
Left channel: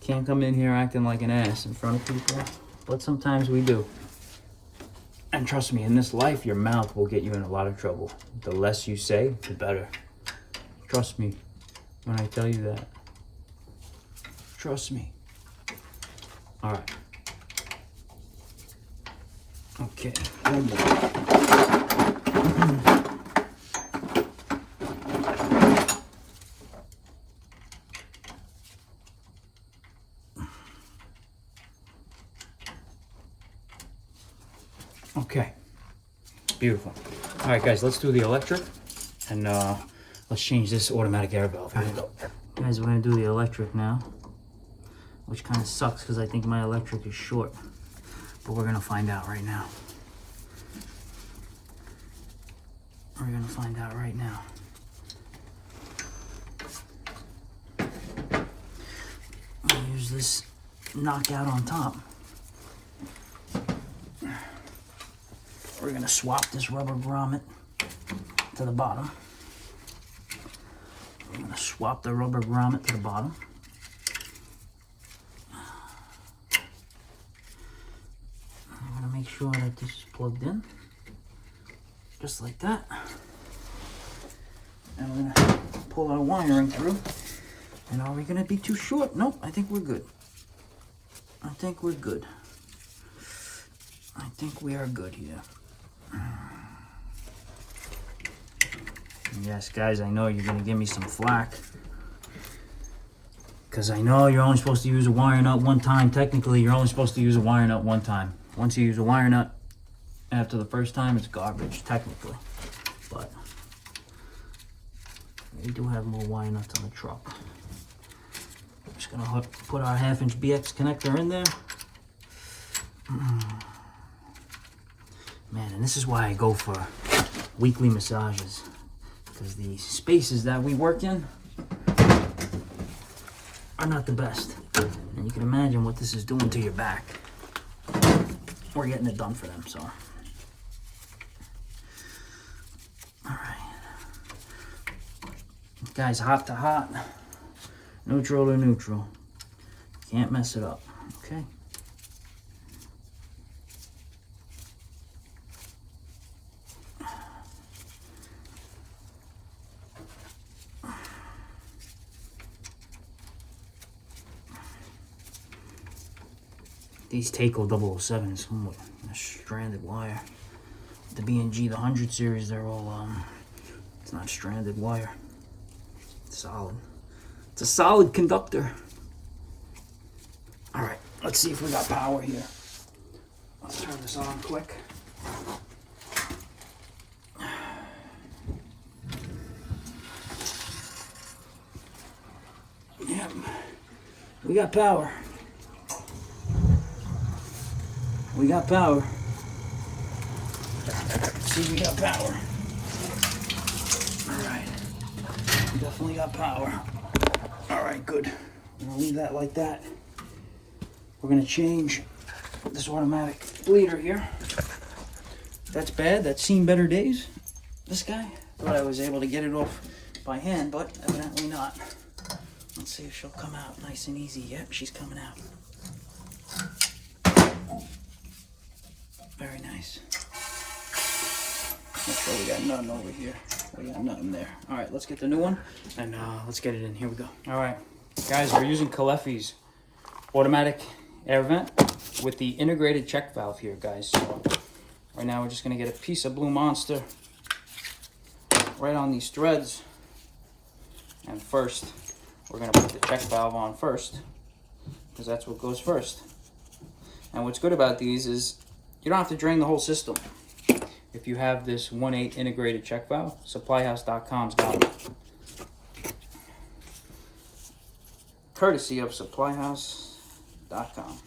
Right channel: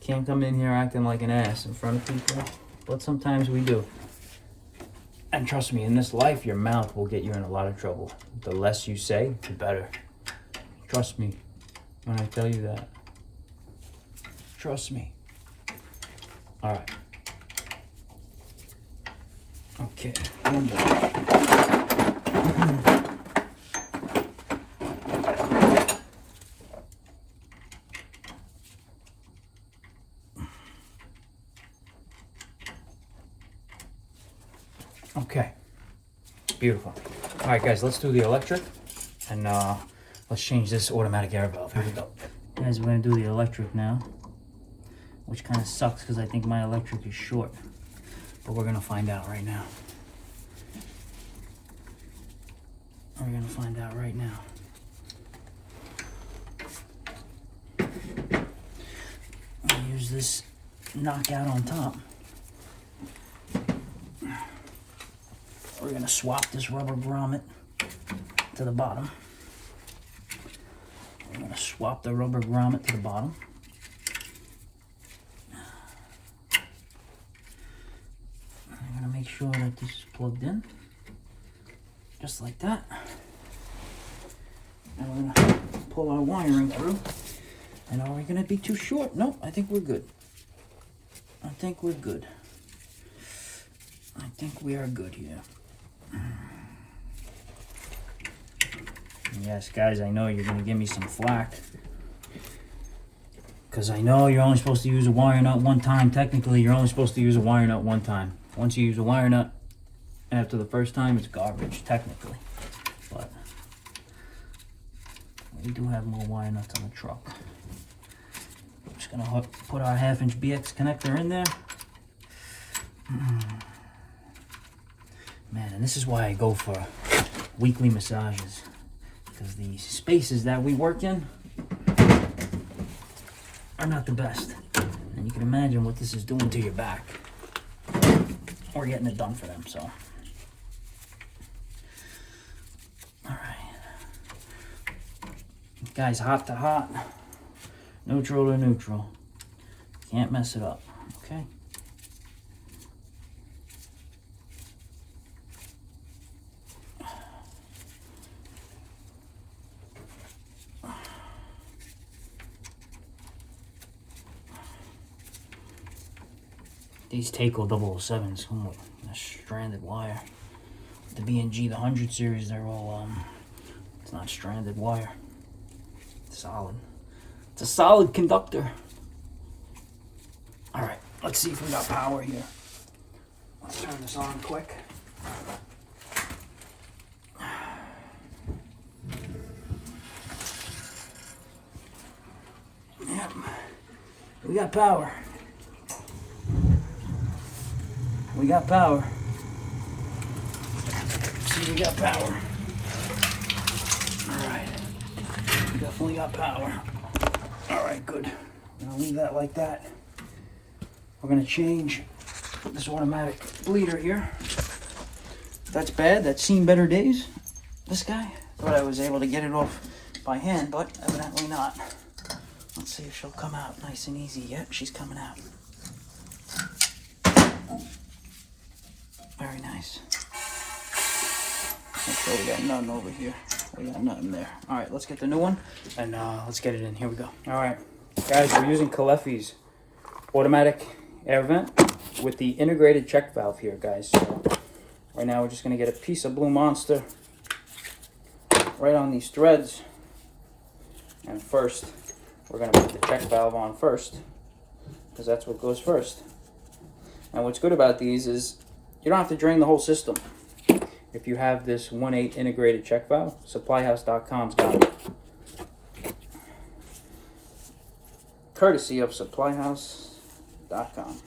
Can't come in here acting like an ass in front of people. But sometimes we do. And trust me, in this life, your mouth will get you in a lot of trouble. The less you say, the better. Trust me when I tell you that. Trust me. All right. Okay. Okay. Beautiful. All right, guys, let's do the electric, and let's change this automatic air valve. Here we go. Guys, we're gonna do the electric now, which kind of sucks because I think my electric is short, but we're gonna find out right now. We're gonna find out right now. I'll use this knockout on top. We're gonna swap this rubber grommet to the bottom. We're gonna swap the rubber grommet to the bottom. I'm gonna make sure that this is plugged in, just like that. Now we're gonna pull our wiring through. And are we gonna be too short? Nope, I think we're good. I think we're good. I think we are good here. Yes, guys, I know you're gonna give me some flack, because I know you're only supposed to use a wire nut one time. Technically, you're only supposed to use a wire nut one time. Once you use a wire nut after the first time, it's garbage, technically. But we do have more wire nuts on the truck. We're just gonna put our 1/2-inch BX connector in there. Man, and this is why I go for weekly massages, because the spaces that we work in are not the best. And you can imagine what this is doing to your back. We're getting it done for them, so. All right. Guys, hot to hot, neutral to neutral. Can't mess it up, okay? These Takeo 007s come with a stranded wire. The B&G, the 100 series, they're all, it's not stranded wire. It's solid. It's a solid conductor. All right, let's see if we got power here. Let's turn this on quick. We got power. We got power. See, we got power. Alright. We definitely got power. Alright, good. I'm gonna leave that like that. We're gonna change this automatic bleeder here. That's bad. That's seen better days. This guy. Thought I was able to get it off by hand, but evidently not. Let's see if she'll come out nice and easy. Yep, she's coming out. Very nice. Okay, we got nothing over here. We got nothing there. All right, let's get the new one and let's get it in. Here we go. All right, guys, we're using Caleffi's automatic air vent with the integrated check valve here, guys. So right now we're just gonna get a piece of Blue Monster right on these threads, and first we're gonna put the check valve on first because that's what goes first. And what's good about these is you don't have to drain the whole system. If you have this 1/8 integrated check valve, supplyhouse.com's got it. Courtesy of supplyhouse.com.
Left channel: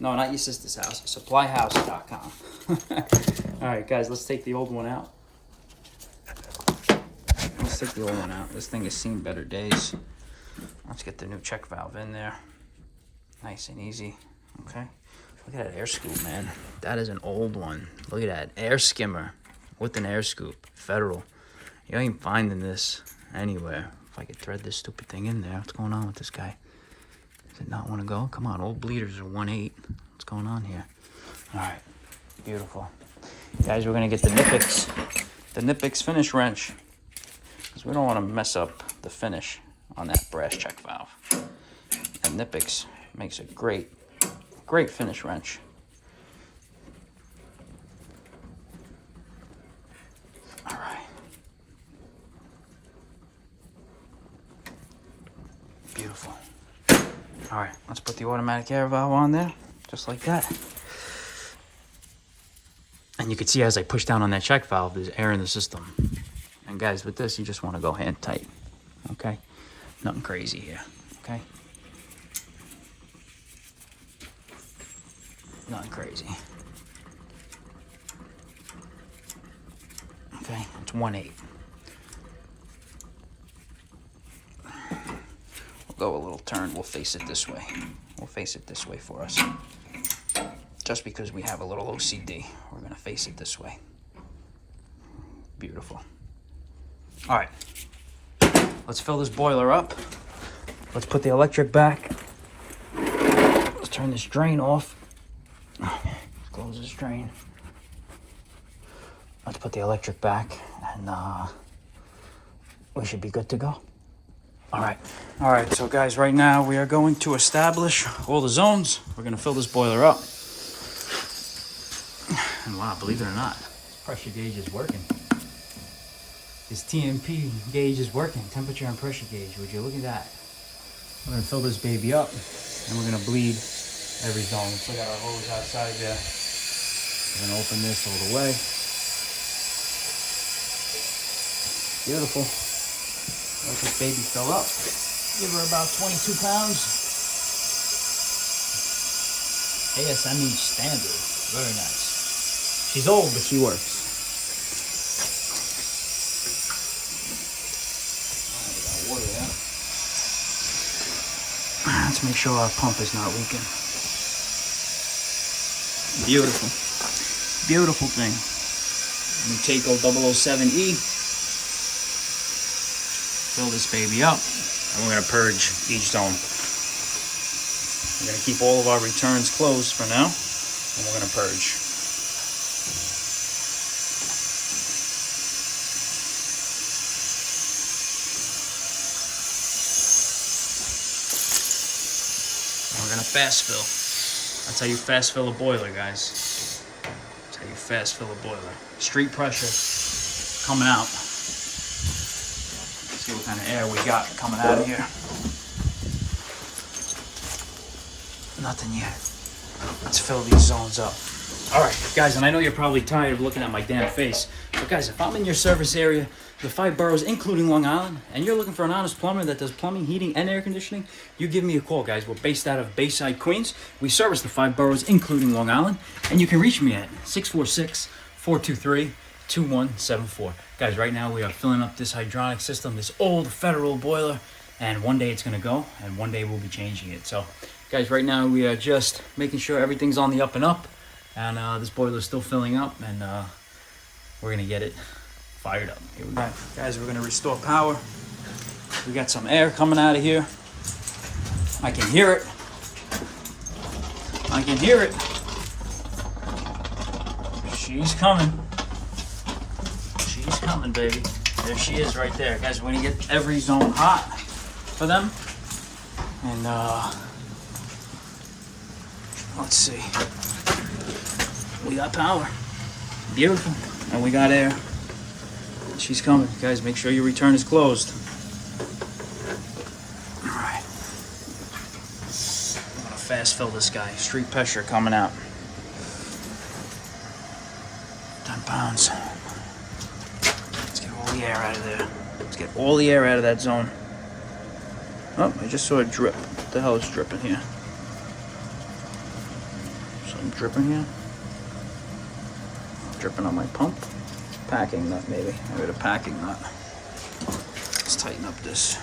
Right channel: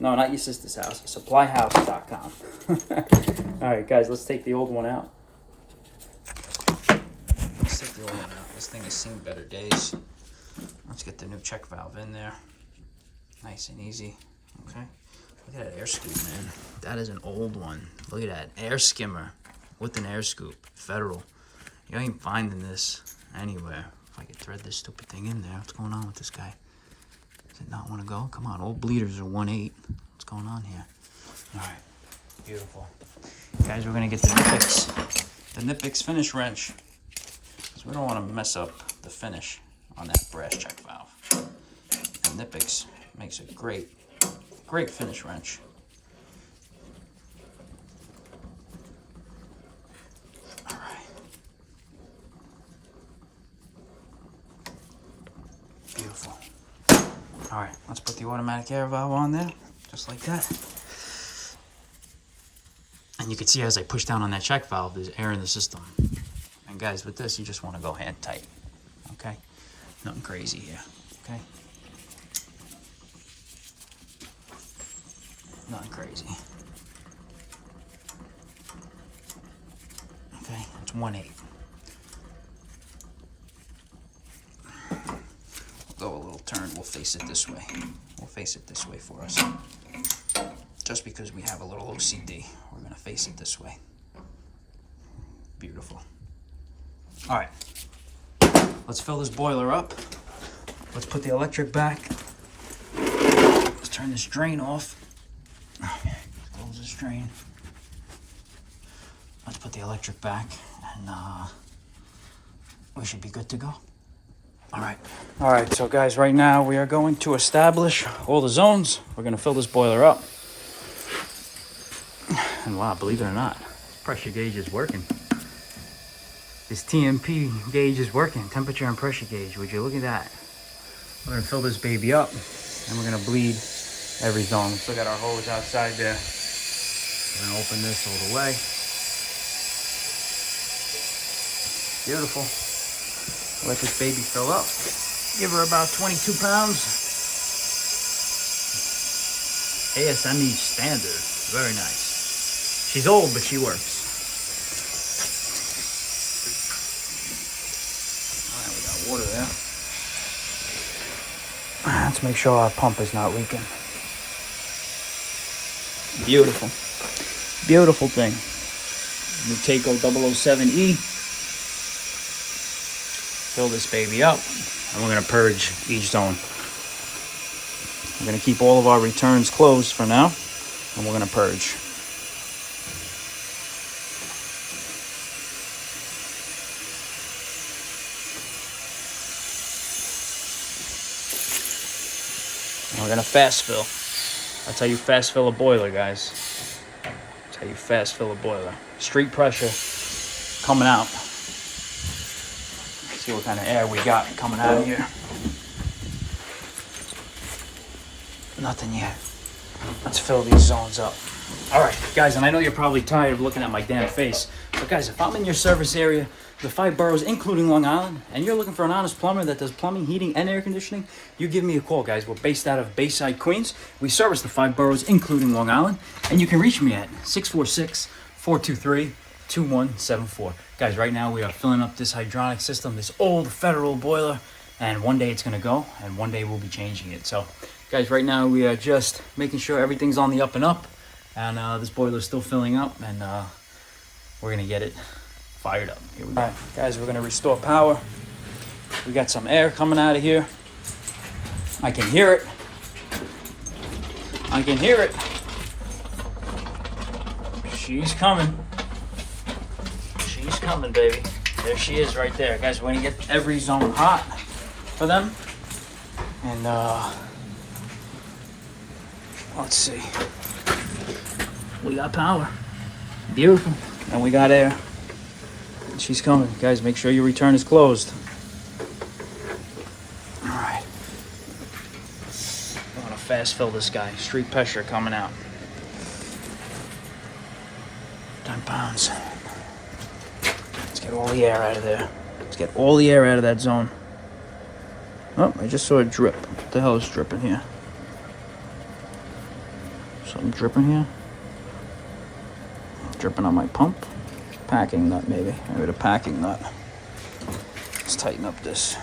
No, not your sister's house, supplyhouse.com. All right, guys, let's take the old one out. Let's take the old one out. This thing has seen better days. Let's get the new check valve in there. Nice and easy, okay? Look at that air scoop, man. That is an old one. Look at that, air skimmer with an air scoop, Federal. You ain't finding this anywhere. If I could thread this stupid thing in there. What's going on with this guy? Does it not want to go? Come on, old bleeders are 1/8. What's going on here? All right, beautiful. Guys, we're gonna get the Nipix finish wrench, because we don't want to mess up the finish on that brass check valve. And Nipix makes a great finish wrench. All right. Beautiful. All right, let's put the automatic air valve on there, just like that. And you can see as I push down on that check valve, there's air in the system. And guys, with this, you just want to go hand tight, okay? Nothing crazy here, okay? Nothing crazy. Okay, it's 1/8. We'll go a little turn, we'll face it this way. We'll face it this way for us. Just because we have a little OCD, we're gonna face it this way. Beautiful. All right, let's fill this boiler up. Let's put the electric back. Let's turn this drain off. Close this drain. Let's put the electric back, and we should be good to go. All right, so guys, right now we are going to establish all the zones. We're gonna fill this boiler up. And wow, believe it or not, pressure gauge is working. This TMP gauge is working, temperature and pressure gauge. Would you look at that? We're gonna fill this baby up, and we're gonna bleed every zone. Let's look at our hose outside there. We're gonna open this all the way. Beautiful. Let this baby fill up. Give her about 22 pounds. ASME standard, very nice. She's old, but she works. All right, we got water there. Let's make sure our pump is not leaking. Beautiful. Beautiful thing. Muteko 007E. Fill this baby up, and we're gonna purge each zone. We're gonna keep all of our returns closed for now, and we're gonna purge. We're gonna fast fill. That's how you fast fill a boiler, guys. That's how you fast fill a boiler. Street pressure coming out. Let's see what kind of air we got coming out of here. Nothing yet. Let's fill these zones up. All right, guys, and I know you're probably tired of looking at my damn face, but guys, if I'm in your service area, the 5 boroughs, including Long Island, and you're looking for an honest plumber that does plumbing, heating, and air conditioning, you give me a call, guys. We're based out of Bayside, Queens. We service the 5 boroughs, including Long Island, and you can reach me at 646-423-2174. Guys, right now we are filling up this hydronic system, this old federal boiler, and one day it's gonna go, and one day we'll be changing it. So, guys, right now we are just making sure everything's on the up and up, and this boiler is still filling up, and we're gonna get it fired up. Here we go. All right, guys, we're gonna restore power. We got some air coming out of here. I can hear it. I can hear it. She's coming. She's coming, baby. There she is right there. Guys, we're gonna get every zone hot for them. And let's see. We got power. Beautiful. And we got air. She's coming. Guys, make sure your return is closed. All right. I'm gonna fast fill this guy. Street pressure coming out. 10 pounds. Let's get all the air out of there. Let's get all the air out of that zone. Oh, I just saw a drip. What the hell is dripping here? Something dripping here? Dripping on my pump. Packing nut, maybe. Maybe the packing nut. Let's tighten up this.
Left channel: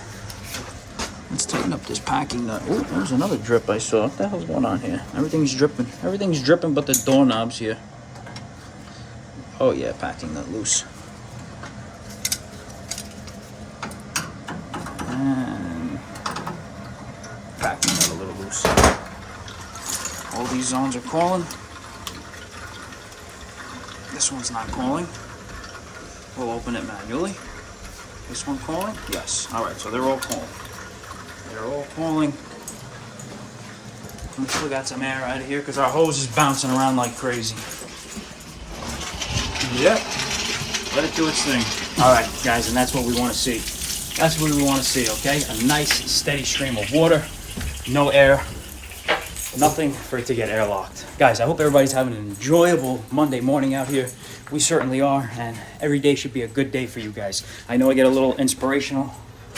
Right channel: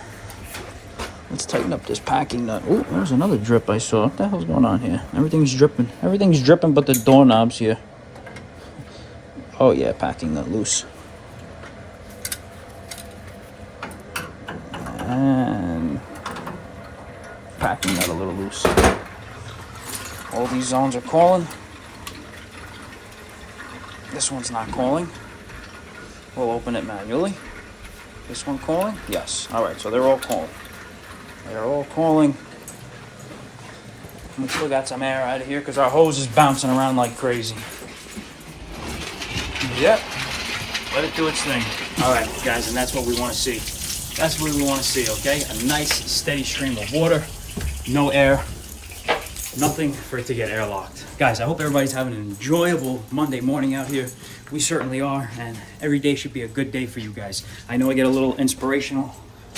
Let's tighten up this packing nut. Oh, there's another drip I saw. What the hell's going on here? Everything's dripping. Everything's dripping but the doorknobs here. Oh yeah, packing nut loose. And packing nut a little loose. All these zones are calling. This one's not calling. We'll open it manually. This one calling? Yes. All right, so they're all calling. They're all calling. We still got some air out of here because our hose is bouncing around like crazy. Yep. Let it do its thing. All right, guys, and that's what we want to see. That's what we want to see, okay? A nice, steady stream of water. No air. Nothing for it to get airlocked. Guys, I hope everybody's having an enjoyable Monday morning out here. We certainly are, and every day should be a good day for you guys. I know I get a little inspirational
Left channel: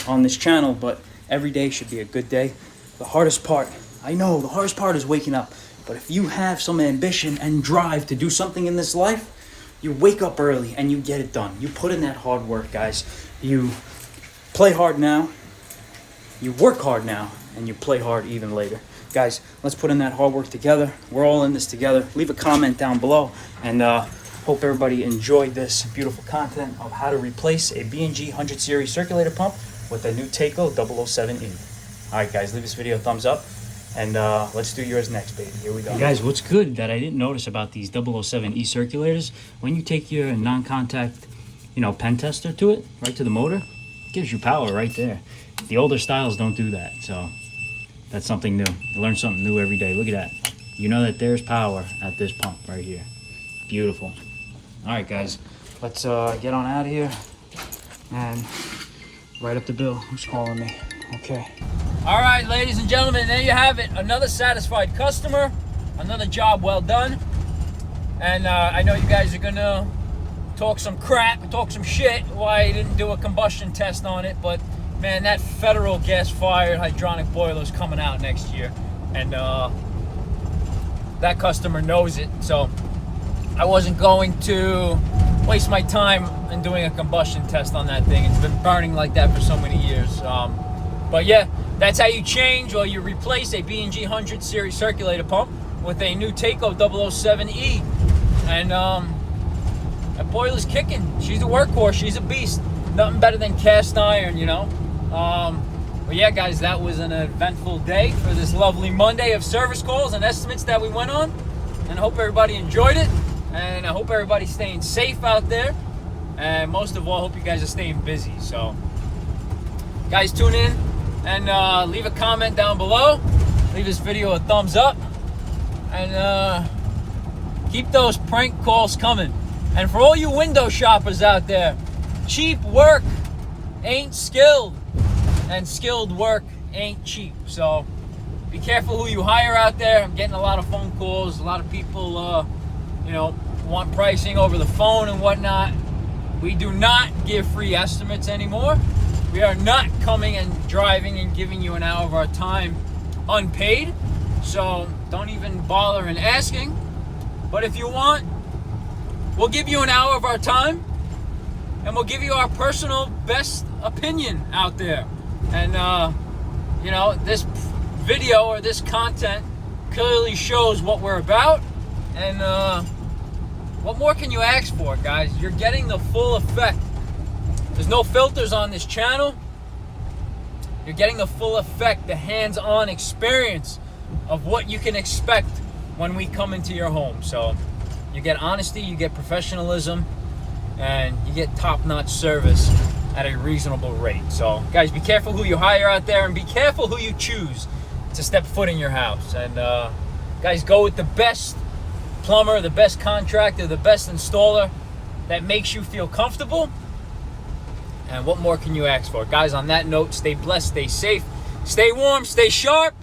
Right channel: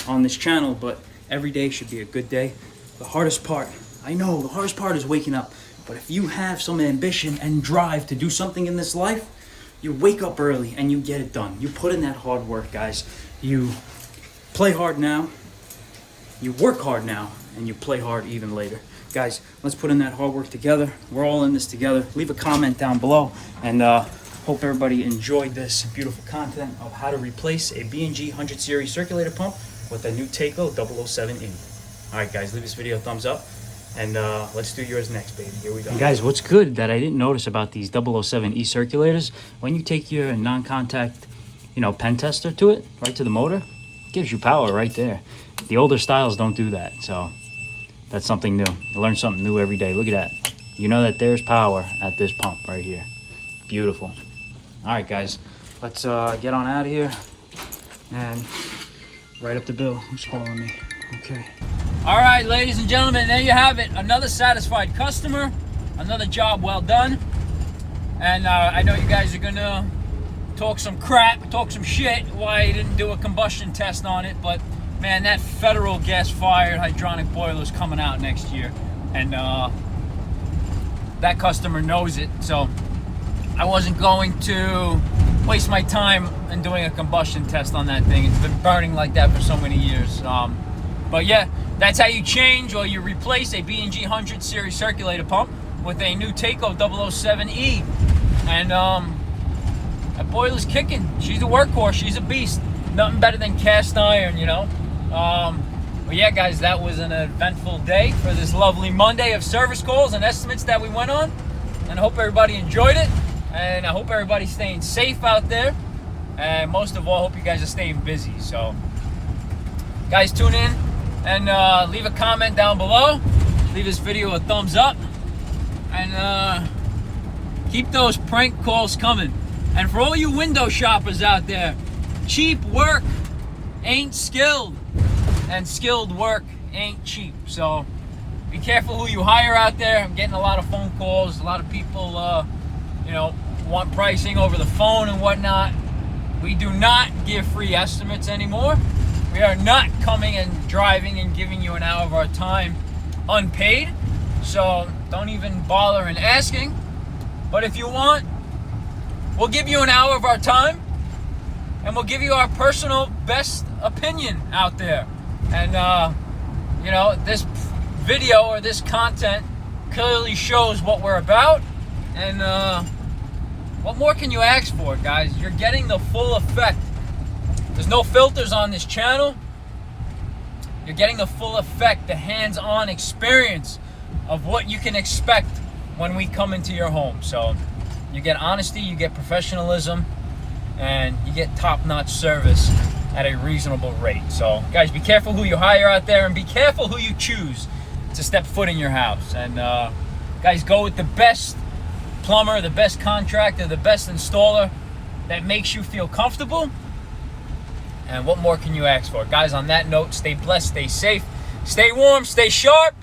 on this channel, but every day should be a good day. The hardest part, I know, the hardest part is waking up. But if you have some ambition and drive to do something in this life, you wake up early and you get it done. You put in that hard work, guys. You play hard now, you work hard now, and you play hard even later. Guys, let's put in that hard work together. We're all in this together. Leave a comment down below, and hope everybody enjoyed this beautiful content of how to replace a B&G 100 series circulator pump with a new Taco 007E. All right, guys, leave this video a thumbs up, and let's do yours next, baby. Here we go. And guys, what's good that I didn't notice about these 007E circulators, when you take your non-contact, pen tester to it, right to the motor, it gives you power right there. The older styles don't do that, so that's something new. You learn something new every day. Look at that. You know that there's power at this pump right here. Beautiful. All right, guys, let's get on out of here and write up the bill. Who's calling me? Okay. All right, ladies and gentlemen, there you have it. Another satisfied customer, another job well done. And I know you guys are gonna talk some crap, talk some shit why I didn't do a combustion test on it, but man, that federal gas-fired hydronic boiler is coming out next year, and that customer knows it, so I wasn't going to waste my time in doing a combustion test on that thing. It's been burning like that for so many years. But yeah, that's how you change or you replace a B&G 100 series circulator pump with a new Taco 007E. And that boiler's kicking. She's a workhorse. She's a beast. Nothing better than cast iron, But yeah, guys, that was an eventful day for this lovely Monday of service calls and estimates that we went on. And I hope everybody enjoyed it. And I hope everybody's staying safe out there. And most of all, I hope you guys are staying busy. So, guys, tune in and leave a comment down below. Leave this video a thumbs up. And keep those prank calls coming. And for all you window shoppers out there, cheap work ain't skilled. And skilled work ain't cheap. So be careful who you hire out there. I'm getting a lot of phone calls, a lot of people want pricing over the phone and whatnot, we do not give free estimates anymore. We are not coming and driving and giving you an hour of our time unpaid. So don't even bother in asking. But if you want, we'll give you an hour of our time and we'll give you our personal best opinion out there. And, this video or this content clearly shows what we're about. And what more can you ask for, guys? You're getting the full effect. There's no filters on this channel. You're getting the full effect, the hands-on experience of what you can expect when we come into your home. So you get honesty, you get professionalism, and you get top-notch service at a reasonable rate. So guys, be careful who you hire out there and be careful who you choose to step foot in your house. And guys, go with the best plumber, the best contractor, the best installer that makes you feel comfortable. And what more can you ask for? Guys, on that note, stay blessed, stay safe, stay warm, stay sharp,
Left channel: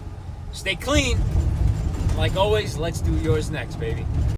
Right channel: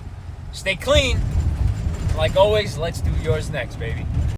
stay clean. Like always, let's do yours next, baby.